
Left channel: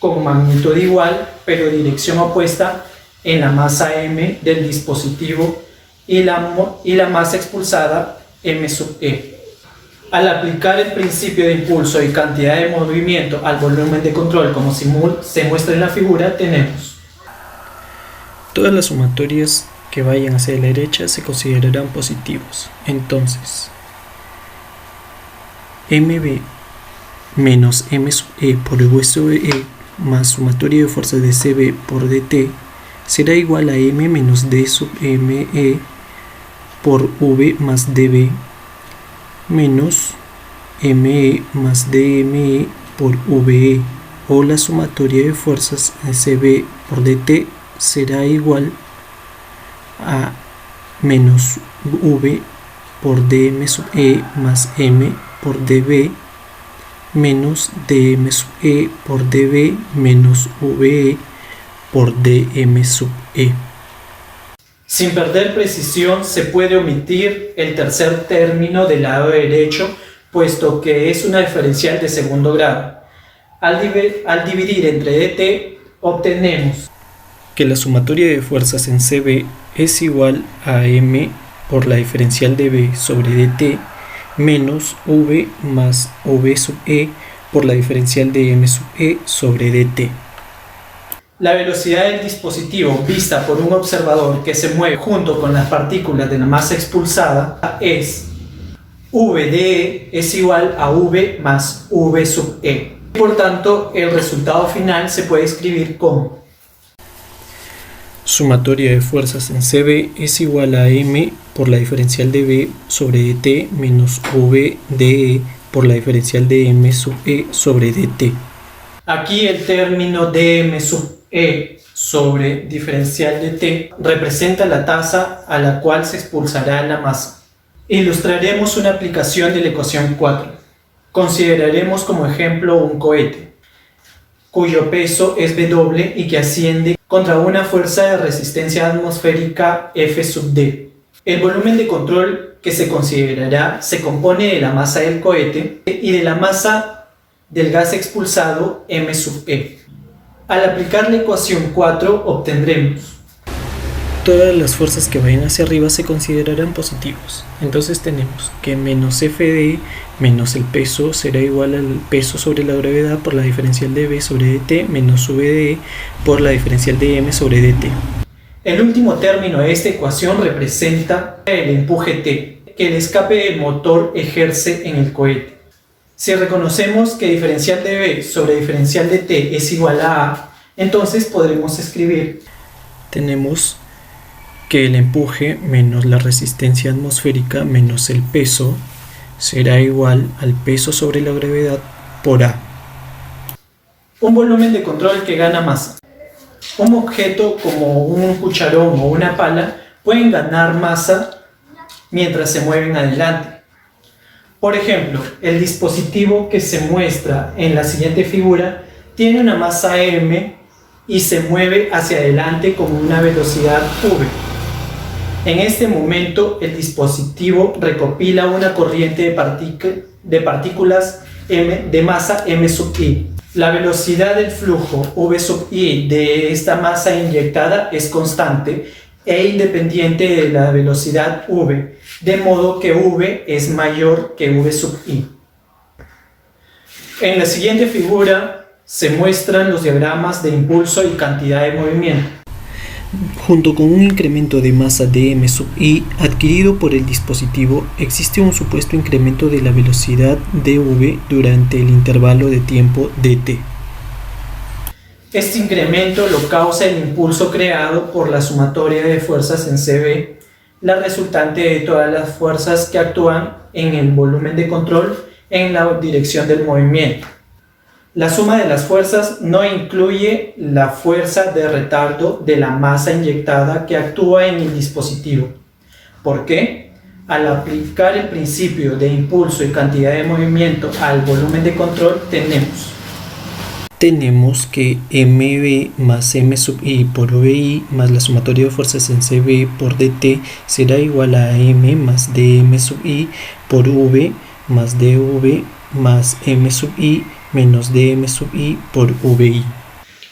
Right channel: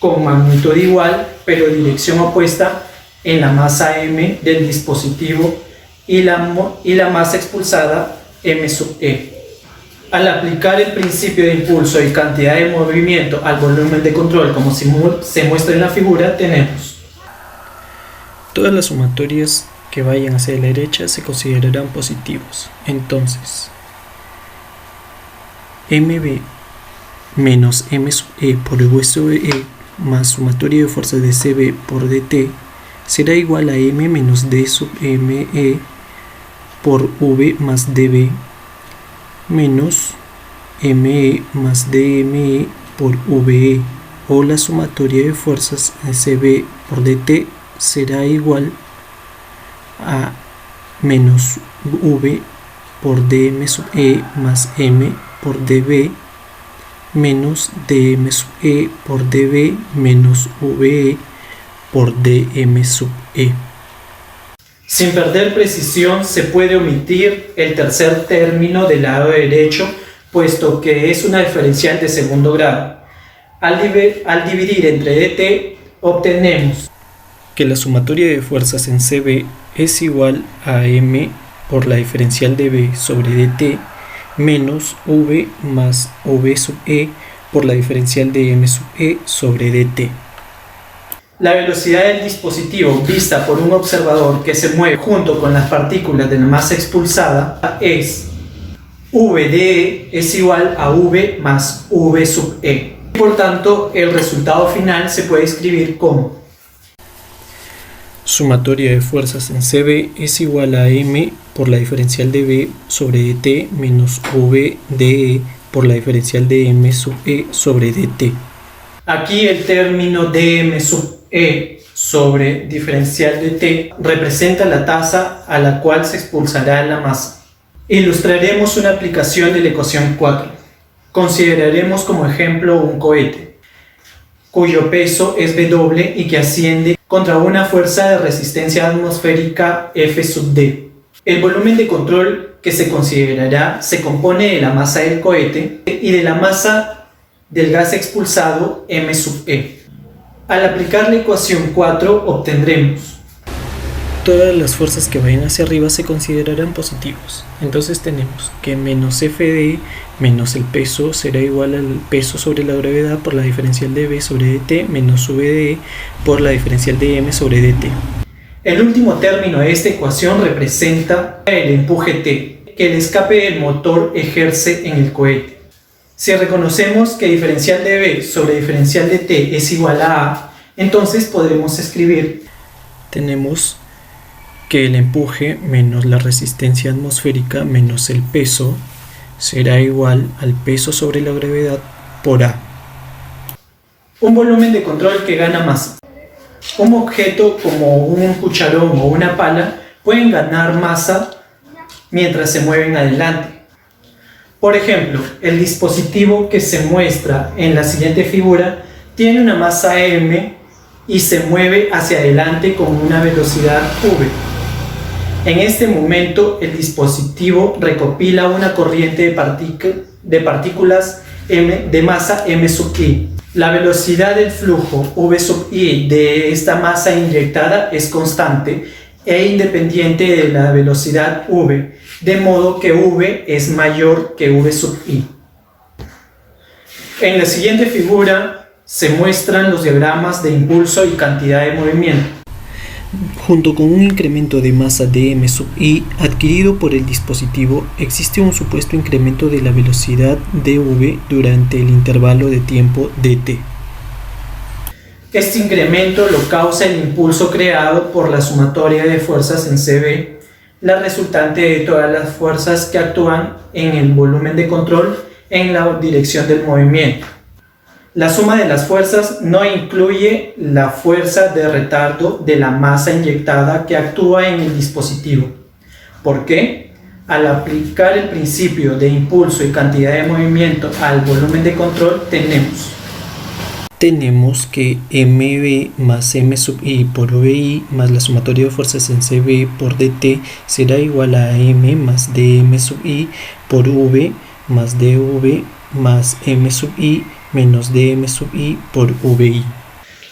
con magnitud igual pero dirección opuesta en la masa m del dispositivo y la masa expulsada m sub e. Al aplicar el principio de impulso y cantidad de movimiento al volumen de control como se muestra en la figura, tenemos todas las sumatorias que vayan hacia la derecha se considerarán positivos. Entonces, mb menos m sub e por v sub e más sumatoria de fuerzas de cb por dt será igual a m menos d sub me por v más dv menos me más dme por ve, o la sumatoria de fuerzas de cb por dt será igual a menos v por dm sub e más m por dv menos dm sub e por dv menos ve por dm sub e. Sin perder precisión, se puede omitir el tercer término del lado derecho, puesto que es una diferencial de segundo grado. Al dividir entre dt, obtenemos que la sumatoria de fuerzas en cb es igual a m por la diferencial de B sobre dt menos V más V sub E por la diferencial de M sub E sobre dt. La velocidad del dispositivo vista por un observador que se mueve junto con las partículas de la masa expulsada es V de E es igual a V más V sub E. Por tanto, el resultado final se puede escribir como sumatoria de fuerzas en CB es igual a M por la diferencial de B sobre dt menos V de E por la diferencial de M sub E sobre dt. Aquí el término dm sub E sobre diferencial de T representa la tasa a la cual se expulsará la masa. Ilustraremos una aplicación de la ecuación 4. Consideraremos como ejemplo un cohete, cuyo peso es W y que asciende contra una fuerza de resistencia atmosférica F sub D. El volumen de control que se considerará se compone de la masa del cohete y de la masa del gas expulsado M sub E. Al aplicar la ecuación 4 obtendremos todas las fuerzas que vayan hacia arriba se considerarán positivos. Entonces tenemos que menos F de E menos el peso será igual al peso sobre la gravedad por la diferencial de B sobre dt menos V de E por la diferencial de M sobre dt. El último término de esta ecuación representa el empuje T que el escape del motor ejerce en el cohete. Si reconocemos que diferencial de B sobre diferencial de T es igual a entonces podremos escribir tenemos que el empuje menos la resistencia atmosférica menos el peso será igual al peso sobre la gravedad por A. Un volumen de control que gana masa. Un objeto como un cucharón o una pala pueden ganar masa mientras se mueven adelante. Por ejemplo, el dispositivo que se muestra en la siguiente figura tiene una masa m y se mueve hacia adelante con una velocidad v. En este momento, el dispositivo recopila una corriente de partículas m de masa m sub i. La velocidad del flujo v sub i de esta masa inyectada es constante e independiente de la velocidad v, de modo que v es mayor que v sub i. En la siguiente figura se muestran los diagramas de impulso y cantidad de movimiento. Junto con un incremento de masa de m sub i adquirido por el dispositivo, existe un supuesto incremento de la velocidad dv durante el intervalo de tiempo dt. Este incremento lo causa el impulso creado por la sumatoria de fuerzas en CB, la resultante de todas las fuerzas que actúan en el volumen de control en la dirección del movimiento. La suma de las fuerzas no incluye la fuerza de retardo de la masa inyectada que actúa en el dispositivo. ¿Por qué? Al aplicar el principio de impulso y cantidad de movimiento al volumen de control tenemos que mv más m sub i por vi más la sumatoria de fuerzas en cb por dt será igual a m más dm sub i por v más dv más m sub i menos dm sub i por vi.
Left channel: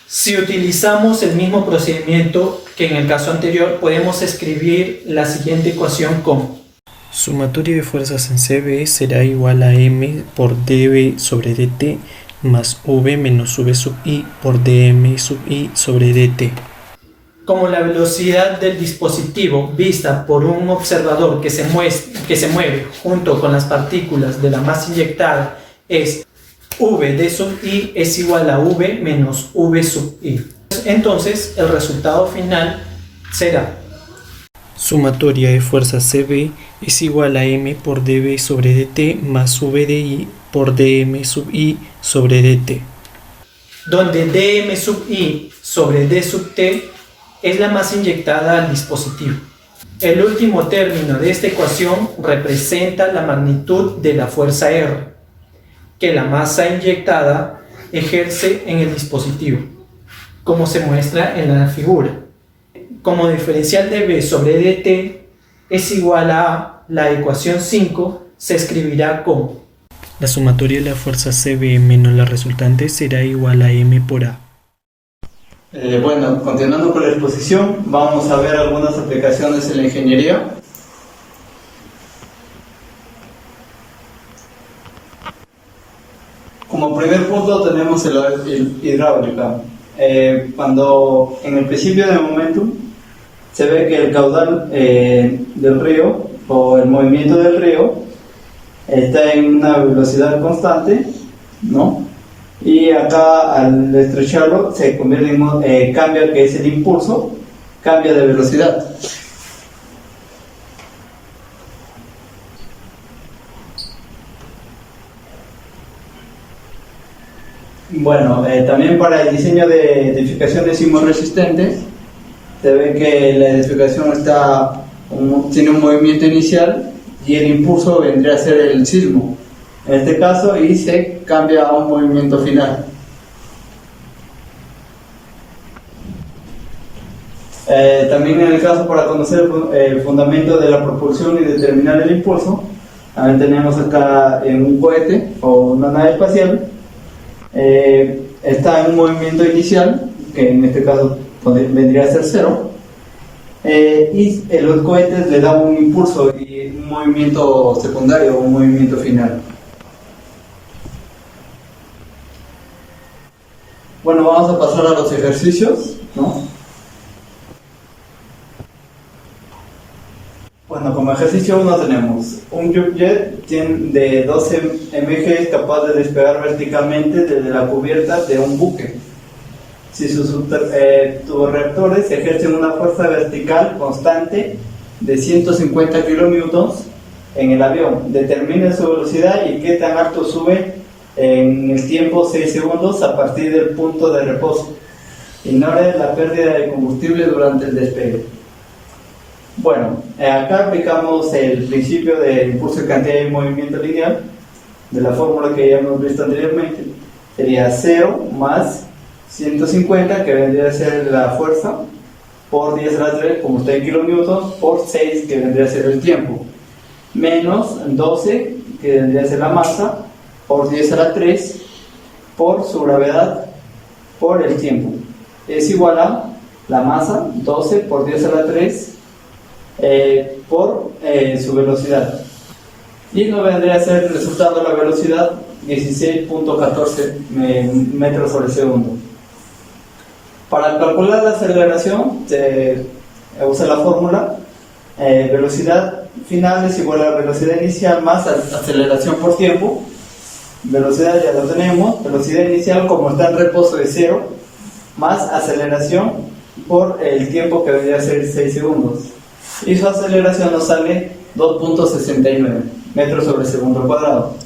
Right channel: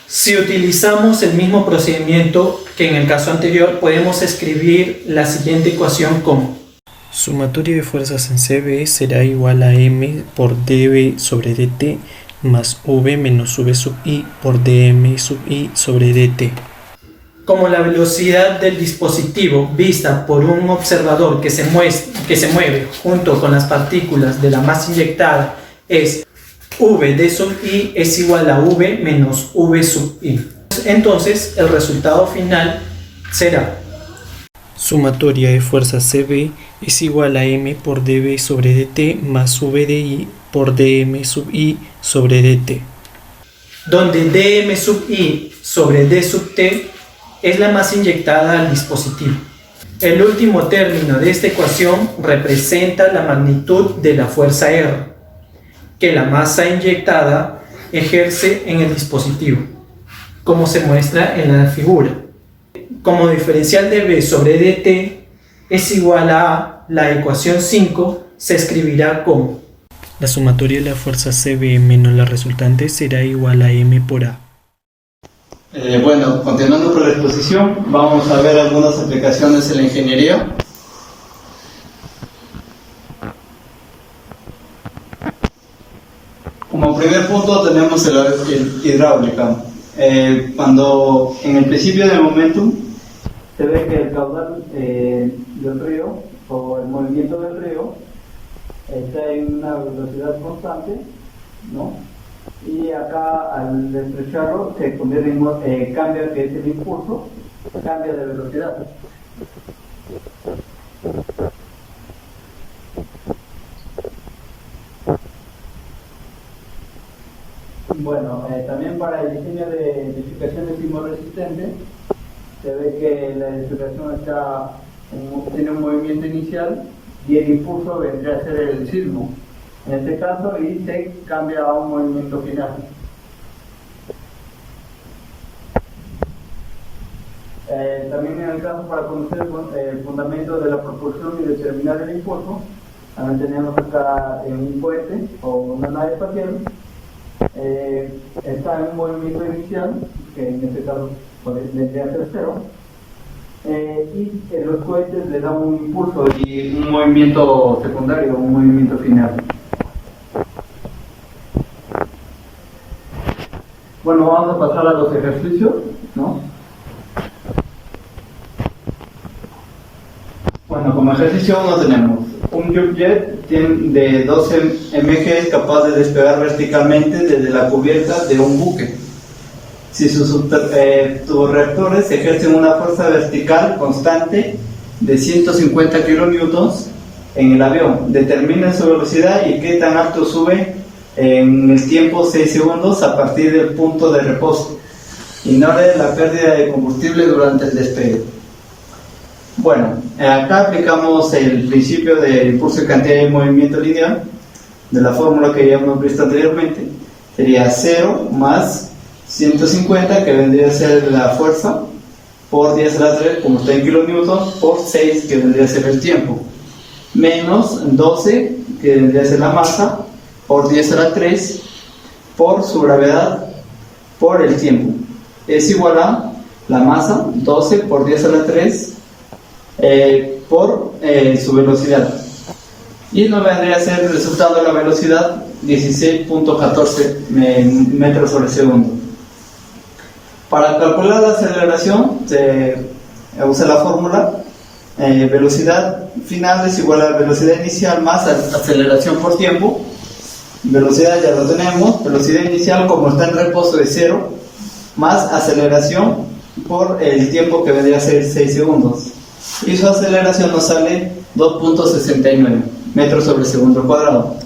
Si utilizamos el mismo procedimiento que en el caso anterior, podemos escribir la siguiente ecuación como sumatoria de fuerzas en cb será igual a m por dv sobre dt más v menos v sub i por dm sub i sobre dt. Como la velocidad del dispositivo vista por un observador que se mueve junto con las partículas de la masa inyectada es v d sub i es igual a v menos v sub i. Entonces el resultado final será sumatoria de fuerzas cb es igual a m por dv sobre dt más v de i por dm sub i sobre dt, donde dm sub i sobre d sub t es la masa inyectada al dispositivo. El último término de esta ecuación representa la magnitud de la fuerza R que la masa inyectada ejerce en el dispositivo, como se muestra en la figura. Como diferencial de B sobre dt es igual a la ecuación 5, se escribirá como la sumatoria de la fuerza cb menos la resultante será igual a m por a. Bueno, continuando con la exposición, vamos a ver algunas aplicaciones en la ingeniería. Como primer punto tenemos el hidráulica. Cuando en el principio del momentum se ve que el caudal del río o el movimiento del río está en una velocidad constante, ¿no? Y acá al estrecharlo se convierte en cambia, que es el impulso, cambia de velocidad. Bueno, también para el diseño de edificaciones sismorresistentes se ve que la edificación tiene un movimiento inicial y el impulso vendría a ser el sismo en este caso, y se cambia a un movimiento final. También en el caso para conocer el fundamento de la propulsión y determinar el impulso, también tenemos acá en un cohete o una nave espacial. Está en un movimiento inicial, que en este caso vendría a ser cero, y los cohetes le dan un impulso y un movimiento secundario, un movimiento final. Bueno, vamos a pasar a los ejercicios, ¿no? Bueno, como ejercicio 1 tenemos un jump-jet de 12 mg capaz de despegar verticalmente desde la cubierta de un buque. Si sus turborreactores ejercen una fuerza vertical constante de 150 kN en el avión, determina su velocidad y qué tan alto sube en el tiempo 6 segundos a partir del punto de reposo. Ignore la pérdida de combustible durante el despegue. Bueno, acá aplicamos el principio del impulso de cantidad y movimiento lineal de la fórmula que ya hemos visto anteriormente. Sería 0 más 150, que vendría a ser la fuerza, por 10 a la 3, como está en kilonewtons, por 6, que vendría a ser el tiempo, menos 12, que vendría a ser la masa, por 10 a la 3, por su gravedad, por el tiempo. Es igual a la masa, 12 por 10 a la 3, por su velocidad. Y nos vendría a ser el resultado de la velocidad 16.14 metros sobre segundo. Para calcular la aceleración se usa la fórmula velocidad final es igual a la velocidad inicial más aceleración por tiempo. Velocidad ya lo tenemos, velocidad inicial como está en reposo de 0 más aceleración por el tiempo que vendría a ser 6 segundos. Y su aceleración nos sale 2.69 metros sobre segundo cuadrado.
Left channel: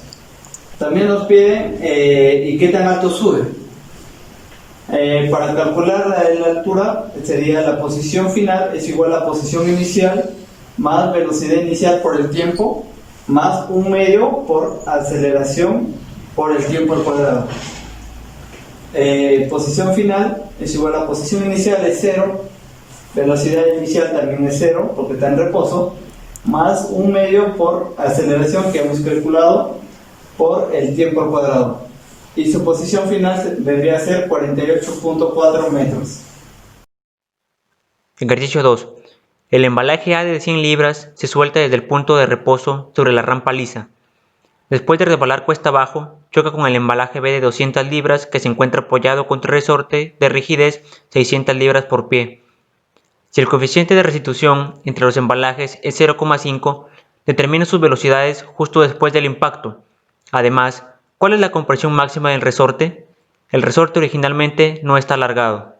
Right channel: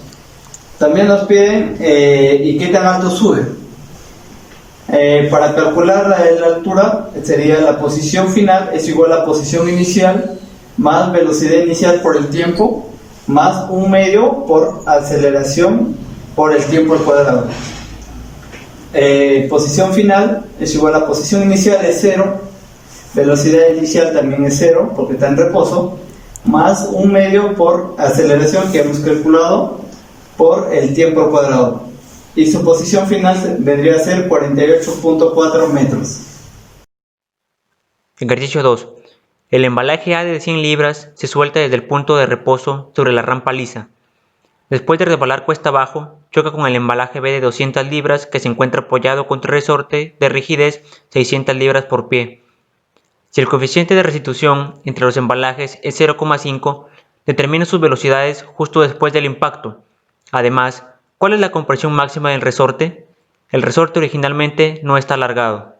También nos piden y qué tan alto sube. Para calcular la altura sería la posición final es igual a la posición inicial más velocidad inicial por el tiempo más un medio por aceleración por el tiempo al cuadrado. Posición final es igual a posición inicial es 0, velocidad inicial también es 0 porque está en reposo, más un medio por aceleración que hemos calculado por el tiempo al cuadrado. Y su posición final vendría a ser 48.4 metros. Ejercicio 2. El embalaje A de 100 libras se suelta desde el punto de reposo sobre la rampa lisa. Después de resbalar cuesta abajo, choca con el embalaje B de 200 libras que se encuentra apoyado contra el resorte de rigidez 600 libras por pie. Si el coeficiente de restitución entre los embalajes es 0,5, determina sus velocidades justo después del impacto. Además, ¿cuál es la compresión máxima del resorte? El resorte originalmente no está alargado.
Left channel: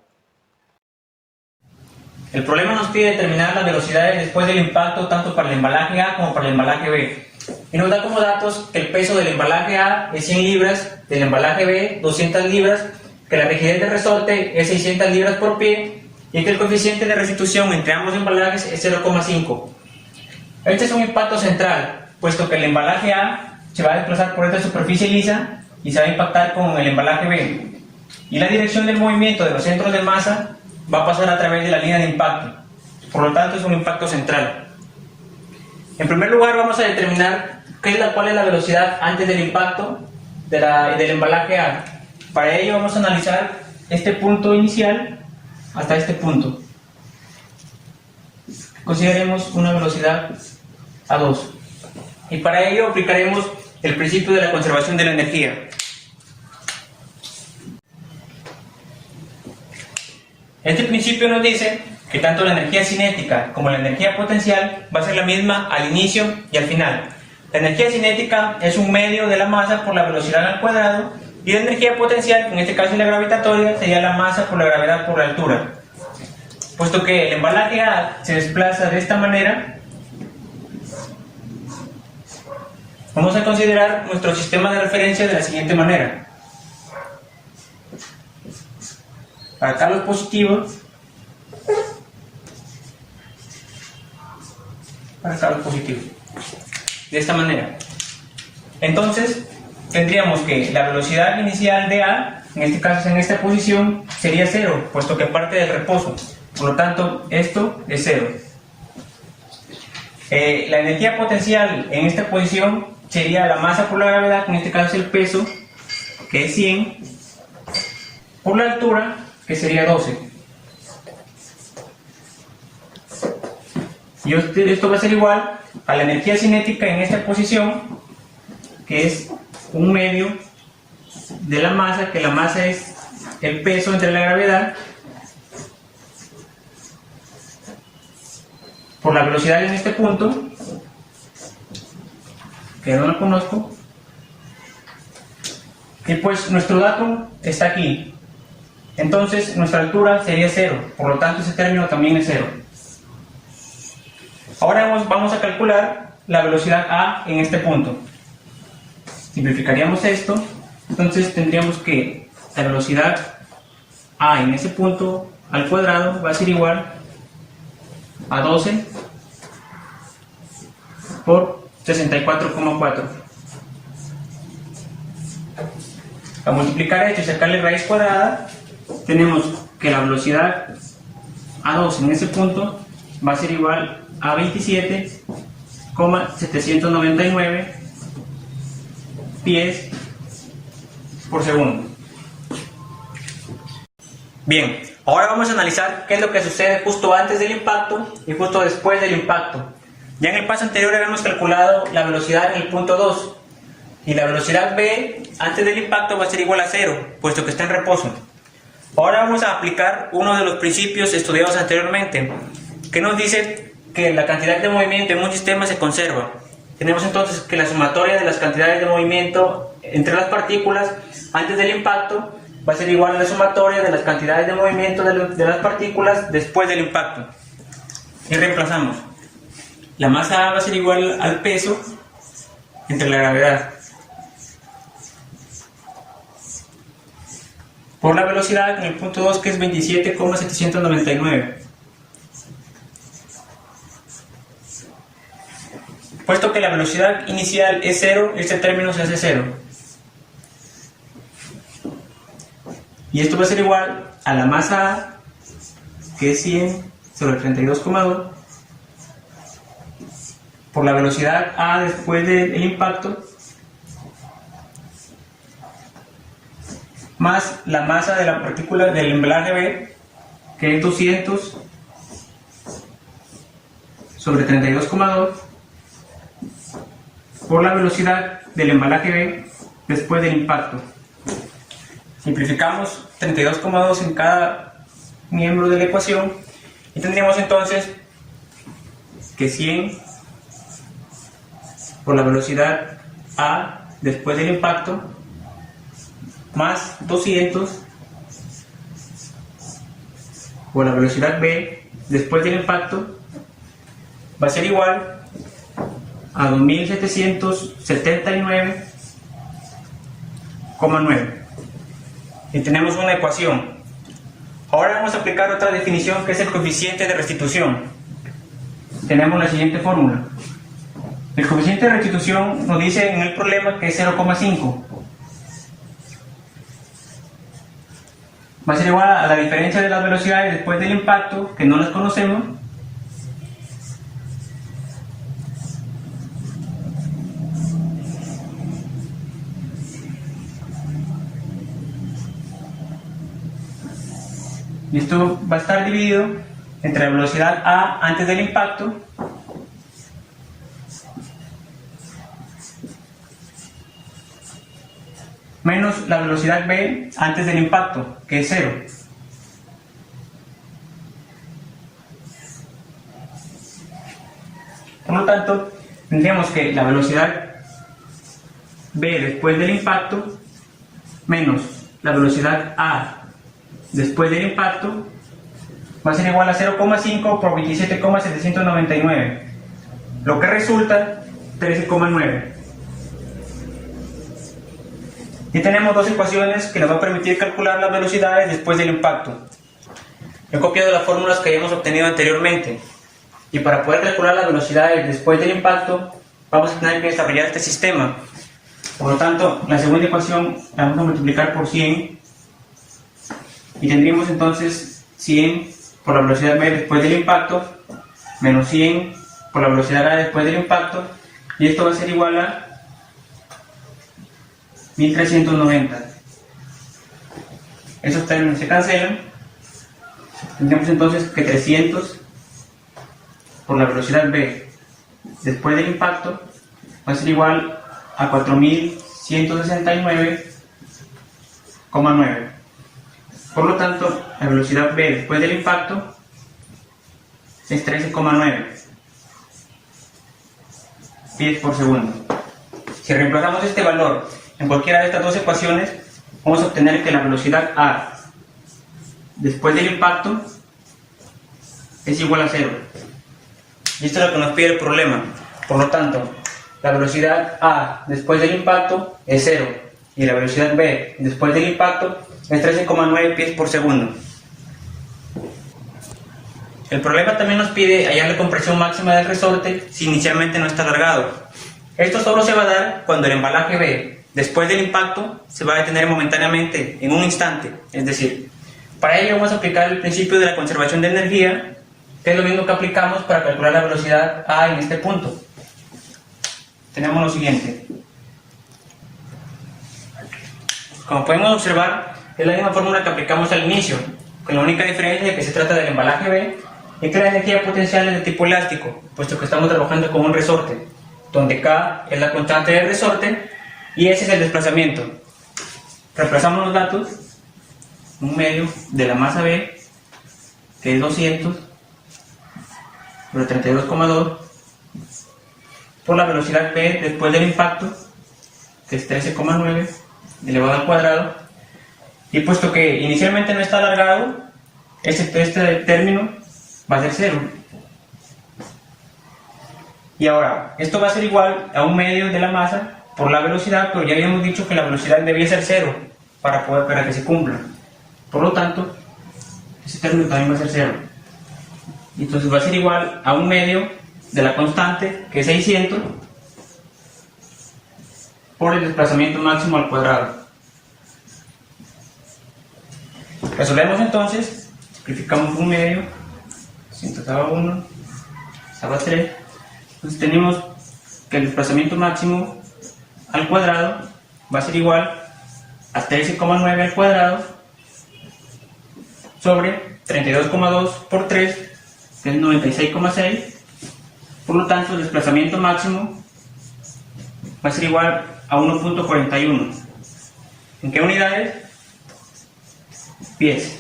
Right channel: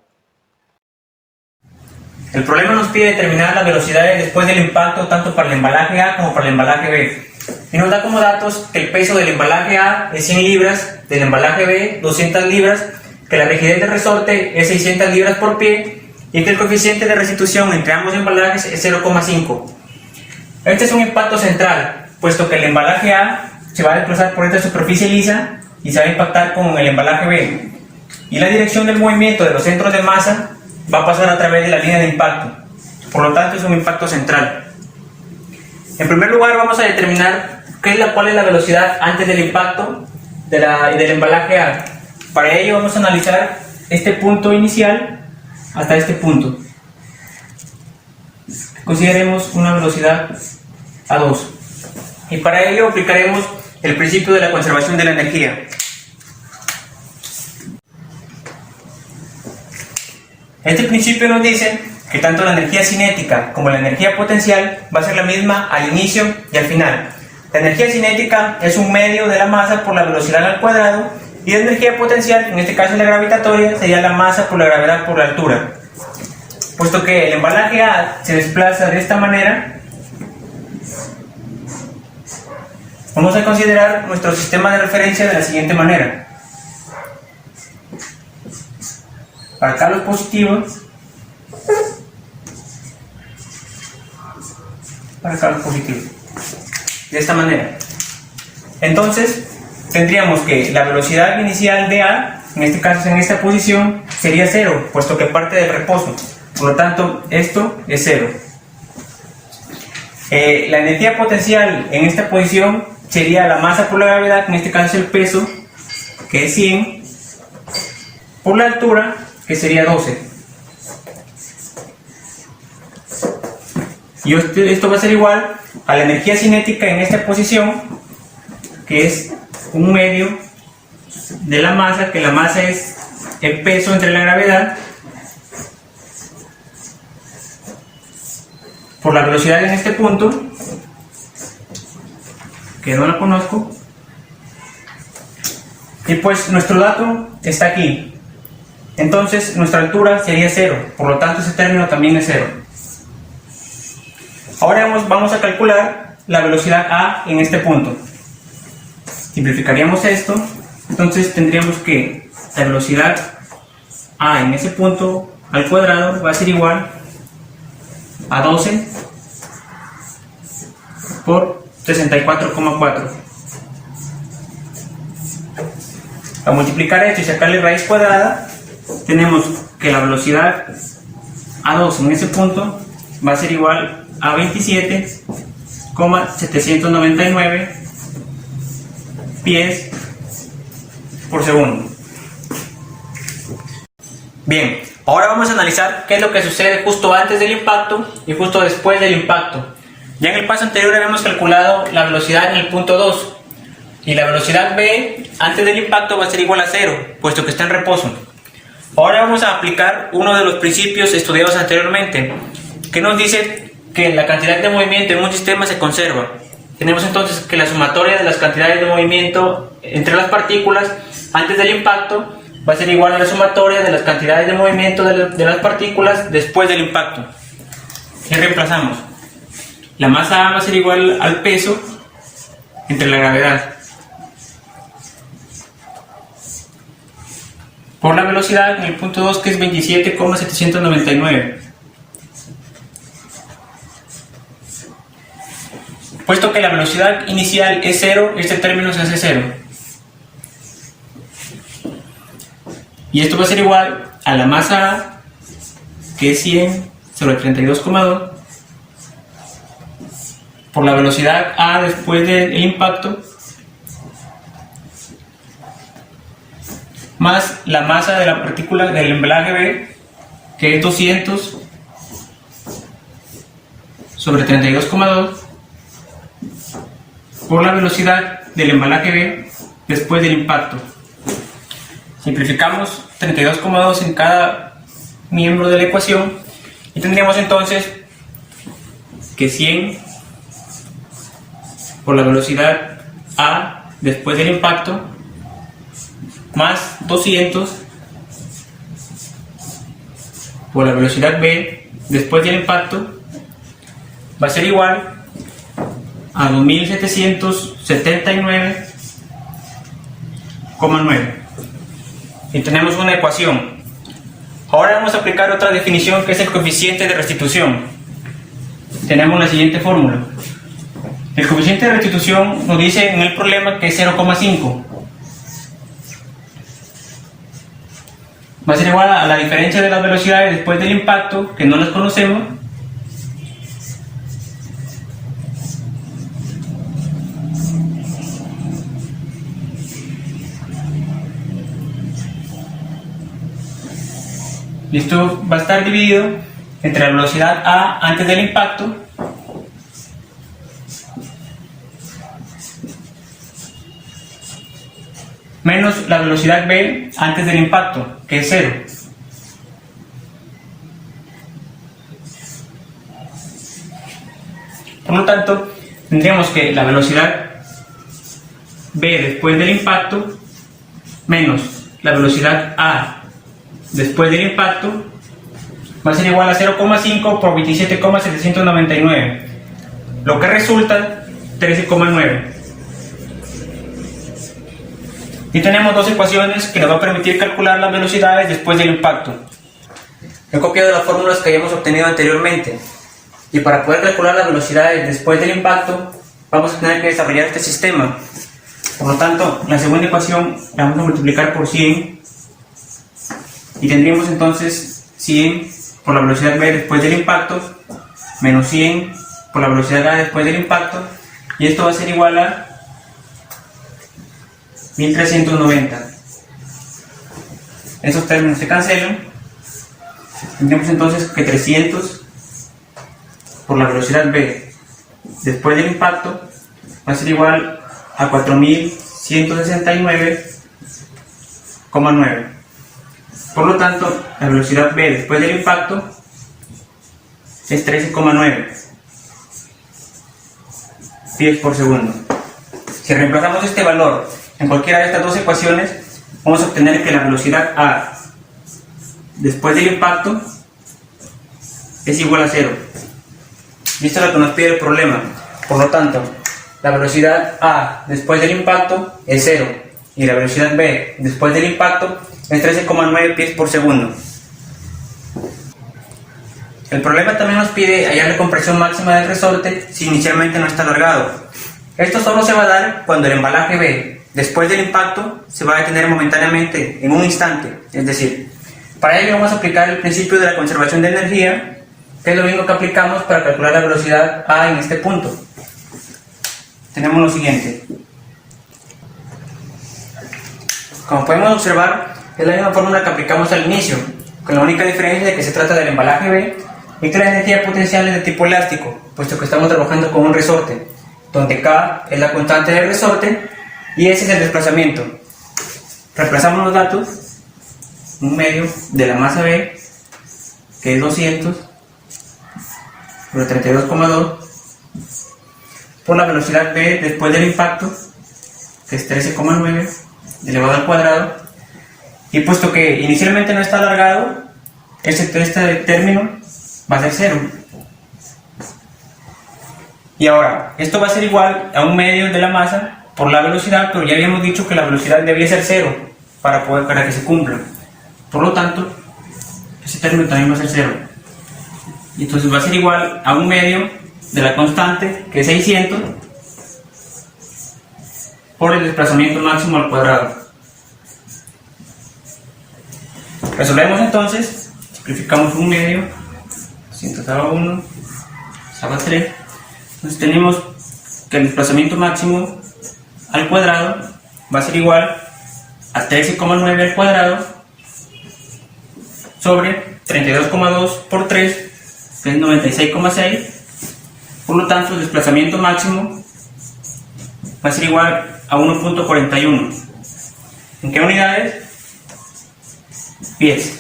El problema nos pide determinar las velocidades después del impacto tanto para el embalaje A como para el embalaje B. Y nos da como datos que el peso del embalaje A es 100 libras, del embalaje B 200 libras, que la rigidez del resorte es 600 libras por pie y que el coeficiente de restitución entre ambos embalajes es 0,5. Este es un impacto central, puesto que el embalaje A se va a desplazar por esta superficie lisa y se va a impactar con el embalaje B. Y la dirección del movimiento de los centros de masa va a pasar a través de la línea de impacto. Por lo tanto, es un impacto central. En primer lugar, vamos a determinar cuál es la velocidad antes del impacto del embalaje A. Para ello, vamos a analizar este punto inicial hasta este punto. Consideremos una velocidad A2. Y para ello aplicaremos el principio de la conservación de la energía. Este principio nos dice que tanto la energía cinética como la energía potencial va a ser la misma al inicio y al final. La energía cinética es un medio de la masa por la velocidad al cuadrado, y la energía potencial, en este caso la gravitatoria, sería la masa por la gravedad por la altura. Puesto que el embalaje A se desplaza de esta manera, vamos a considerar nuestro sistema de referencia de la siguiente manera. Para acá los positivos, para acá los positivos, de esta manera. Entonces tendríamos que la velocidad inicial de A, en este caso en esta posición, sería 0, puesto que parte del reposo. Por lo tanto, esto es 0. La energía potencial en esta posición sería la masa por la gravedad, en este caso es el peso, que es 100, por la altura, que sería 12. Y esto va a ser igual a la energía cinética en esta posición, que es un medio de la masa, que la masa es el peso entre la gravedad, por la velocidad en este punto, que no la conozco, y pues nuestro dato está aquí. Entonces nuestra altura sería 0, por lo tanto ese término también es 0. Ahora vamos a calcular la velocidad A en este punto. Simplificaríamos esto, entonces tendríamos que la velocidad A en ese punto al cuadrado va a ser igual a 12 por 64,4. A multiplicar esto y sacarle raíz cuadrada, tenemos que la velocidad A2 en ese punto va a ser igual a 27,799 pies por segundo. Bien, ahora vamos a analizar qué es lo que sucede justo antes del impacto y justo después del impacto. Ya en el paso anterior habíamos calculado la velocidad en el punto 2, y la velocidad B antes del impacto va a ser igual a 0, puesto que está en reposo. Ahora vamos a aplicar uno de los principios estudiados anteriormente, que nos dice que la cantidad de movimiento en un sistema se conserva. Tenemos entonces que la sumatoria de las cantidades de movimiento entre las partículas antes del impacto va a ser igual a la sumatoria de las cantidades de movimiento de las partículas después del impacto. Y reemplazamos. La masa A va a ser igual al peso entre la gravedad por la velocidad en el punto 2, que es 27,799. Puesto que la velocidad inicial es 0, este término se hace 0. Y esto va a ser igual a la masa A, que es 100 sobre 32,2, por la velocidad A después del impacto, más la masa de la partícula del embalaje B, que es 200 sobre 32,2, por la velocidad del embalaje B después del impacto. Simplificamos 32,2 en cada miembro de la ecuación y tendríamos entonces que 100 por la velocidad A después del impacto más 200 por la velocidad B después del impacto va a ser igual a 2779,9. Y tenemos una ecuación. Ahora vamos a aplicar otra definición, que es el coeficiente de restitución. Tenemos la siguiente fórmula. El coeficiente de restitución nos dice en el problema que es 0,5. Va a ser igual a la diferencia de las velocidades después del impacto, que no las conocemos, y esto va a estar dividido entre la velocidad A antes del impacto menos la velocidad B antes del impacto, que es 0. Por lo tanto, tendríamos que la velocidad v después del impacto menos la velocidad a después del impacto va a ser igual a 0,5 por 27,799, lo que resulta 13,9. Y tenemos dos ecuaciones que nos van a permitir calcular las velocidades después del impacto. He copiado las fórmulas que hayamos obtenido anteriormente, y para poder calcular las velocidades después del impacto vamos a tener que desarrollar este sistema. Por lo tanto, la segunda ecuación la vamos a multiplicar por 100 y tendríamos entonces 100 por la velocidad v después del impacto menos 100 por la velocidad a después del impacto, y esto va a ser igual a 1390. Esos términos se cancelan. Tendríamos entonces que 300 por la velocidad v después del impacto va a ser igual a 4169,9. Por lo tanto, la velocidad v después del impacto es 13,9 pies por segundo. Si reemplazamos este valor en cualquiera de estas dos ecuaciones, vamos a obtener que la velocidad a después del impacto es igual a 0. Y esto es lo que nos pide el problema. Por lo tanto, la velocidad a después del impacto es 0 y la velocidad v después del impacto es 13,9 pies por segundo. El problema también nos pide hallar la compresión máxima del resorte si inicialmente no está alargado. Esto solo se va a dar cuando el embalaje v después del impacto se va a detener momentáneamente en un instante. Es decir, para ello vamos a aplicar el principio de la conservación de energía, que es lo mismo que aplicamos para calcular la velocidad a en este punto. Tenemos lo siguiente. Como podemos observar, es la misma fórmula que aplicamos al inicio, con la única diferencia de que se trata del embalaje v y que la energía potencial es de tipo elástico, puesto que estamos trabajando con un resorte, donde K es la constante del resorte y S es el desplazamiento. Reemplazamos los datos, un medio de la masa B, que es 200 sobre 32,2, por la velocidad v después del impacto, que es 13,9 elevado al cuadrado, y puesto que inicialmente no está alargado, este término va a ser 0. Y ahora, esto va a ser igual a un medio de la masa por la velocidad, pero ya habíamos dicho que la velocidad debía ser 0 para que se cumpla. Por lo tanto, ese término también va a ser 0. Y entonces va a ser igual a un medio de la constante, que es 600, por el desplazamiento máximo al cuadrado. Resolvemos entonces, simplificamos un medio, 600 a 1, a 3. Entonces tenemos que el desplazamiento máximo al cuadrado va a ser igual a 13,9 al cuadrado sobre 32,2 por 3, que es 96,6. Por lo tanto, el desplazamiento máximo va a ser igual a 1.41. ¿En qué unidades? Pies.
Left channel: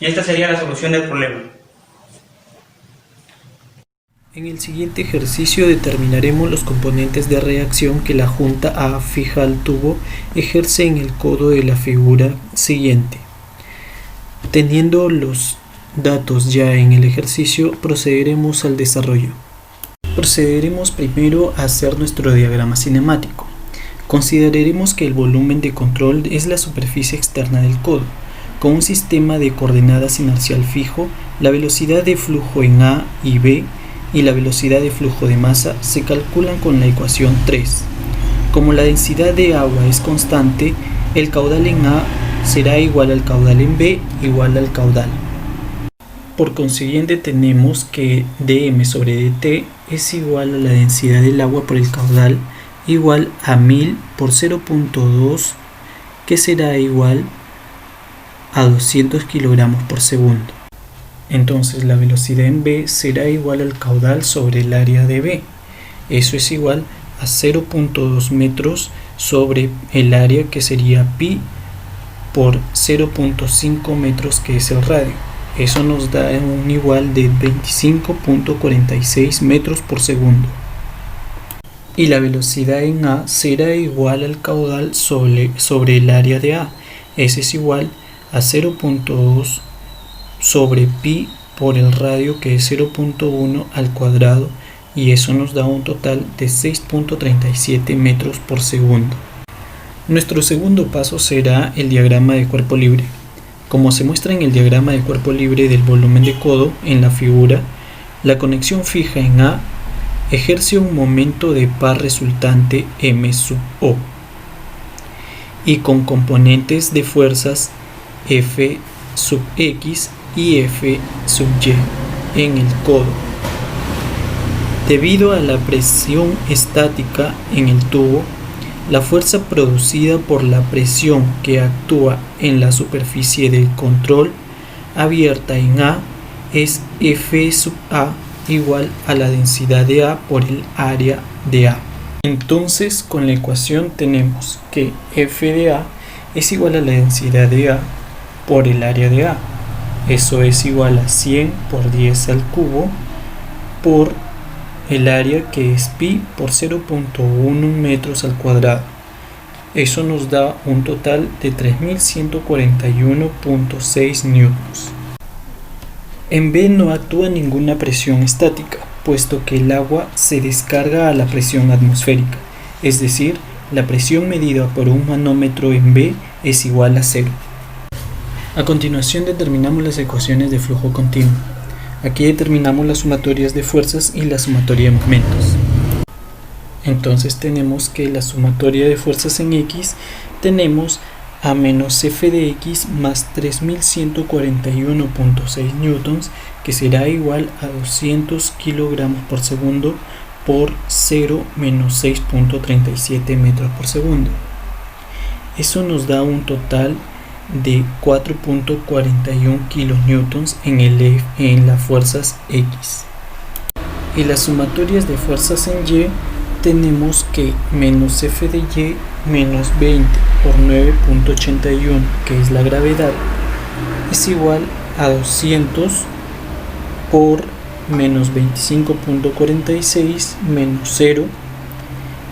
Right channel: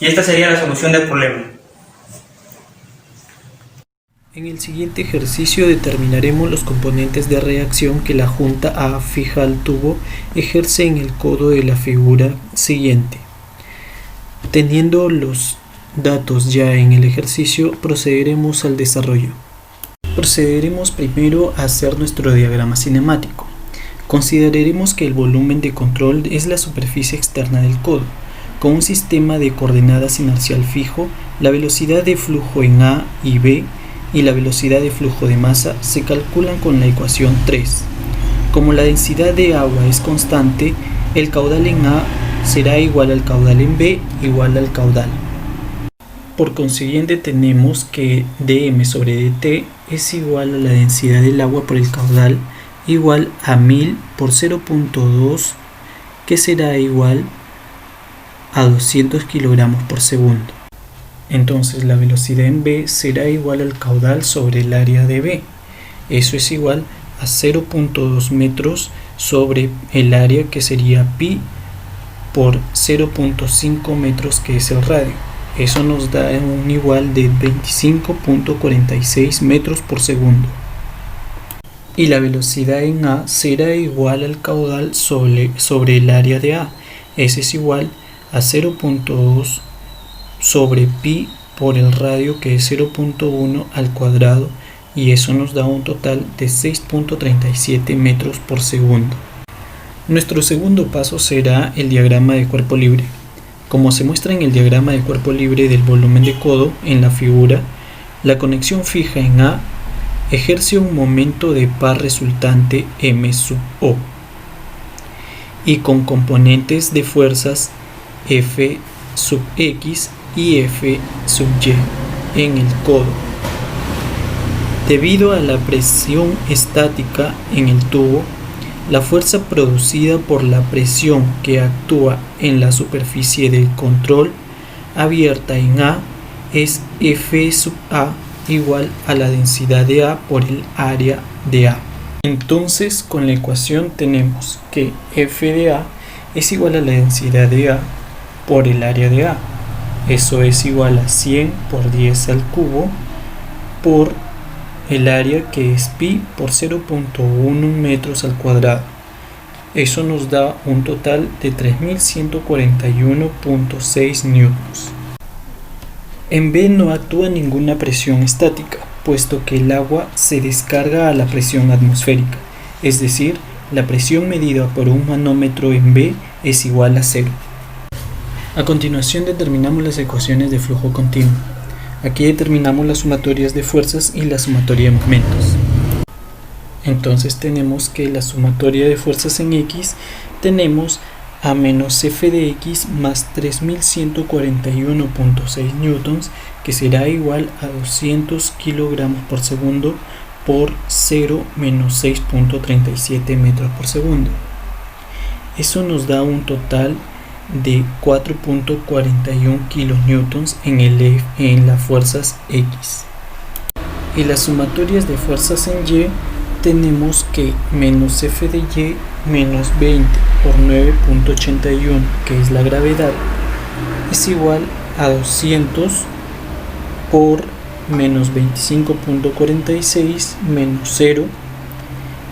Y esta sería la solución del problema. En el siguiente ejercicio determinaremos los componentes de reacción que la junta A fija al tubo ejerce en el codo de la figura siguiente. Teniendo los datos ya en el ejercicio, procederemos al desarrollo. Procederemos primero a hacer nuestro diagrama cinemático. Consideraremos que el volumen de control es la superficie externa del codo. Con un sistema de coordenadas inercial fijo, la velocidad de flujo en A y B y la velocidad de flujo de masa se calculan con la ecuación 3. Como la densidad de agua es constante, el caudal en A será igual al caudal en B igual al caudal. Por consiguiente tenemos que dm sobre dt es igual a la densidad del agua por el caudal igual a 1000 por 0.2, que será igual a 200 kilogramos por segundo. Entonces la velocidad en B será igual al caudal sobre el área de B. Eso es igual a 0.2 metros sobre el área, que sería pi por 0.5 metros, que es el radio. Eso nos da un igual de 25.46 metros por segundo. Y la velocidad en A será igual al caudal sobre el área de A. Ese es igual a 0.2 sobre pi por el radio, que es 0.1 al cuadrado, y eso nos da un total de 6.37 metros por segundo. Nuestro segundo paso será el diagrama de cuerpo libre. Como se muestra en el diagrama de cuerpo libre del volumen de codo en la figura, la conexión fija en A ejerce un momento de par resultante M sub O y con componentes de fuerzas F sub X y F sub Y en el codo. Debido a la presión estática en el tubo, la fuerza producida por la presión que actúa en la superficie del control abierta en A es F sub A igual a la densidad de A por el área de A. Entonces, con la ecuación tenemos que F de A es igual a la densidad de A por el área de A. Eso es igual a 100 por 10 al cubo por el área, que es pi por 0.1 metros al cuadrado. Eso nos da un total de 3141.6 newtons. En B no actúa ninguna presión estática, puesto que el agua se descarga a la presión atmosférica, es decir, la presión medida por un manómetro en B es igual a 0. A continuación determinamos las ecuaciones de flujo continuo. Aquí determinamos las sumatorias de fuerzas y la sumatoria de momentos. Entonces tenemos que la sumatoria de fuerzas en X tenemos a menos F de X más 3141.6 newtons, que será igual a 200 kilogramos por segundo por 0 menos 6.37 metros por segundo. Eso nos da un total de 4.41 kilonewtons en las fuerzas X. Y las sumatorias de fuerzas en Y tenemos que menos F de Y menos 20 por 9.81, que es la gravedad, es igual a 200 por menos 25.46 menos 0.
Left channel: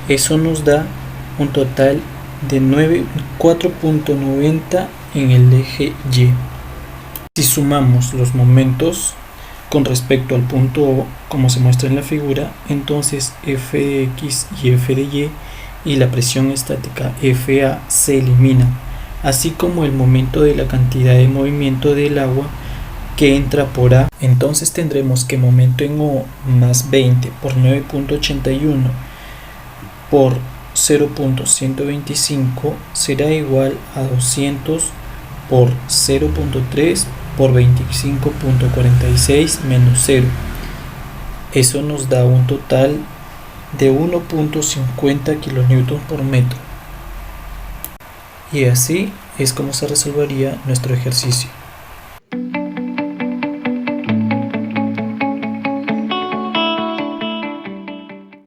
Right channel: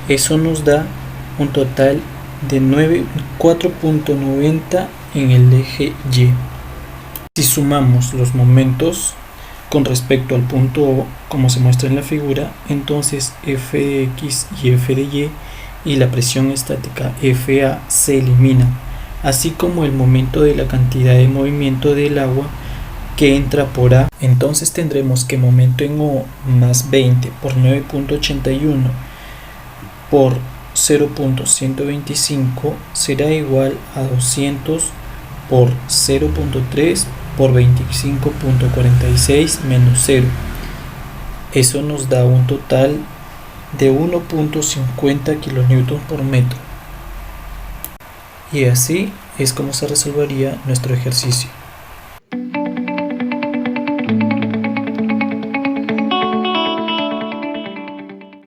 Eso nos da un total de 4.90 en el eje Y. Si sumamos los momentos con respecto al punto O, como se muestra en la figura, entonces F de X y F de Y y la presión estática FA se eliminan, así como el momento de la cantidad de movimiento del agua que entra por A. Entonces tendremos que momento en O más 20 por 9.81 por 0.125 será igual a 200 por 0.3 por 25.46 menos 0. Eso nos da un total de 1.50 kilonewtons por metro. Y así es como se resolvería nuestro ejercicio.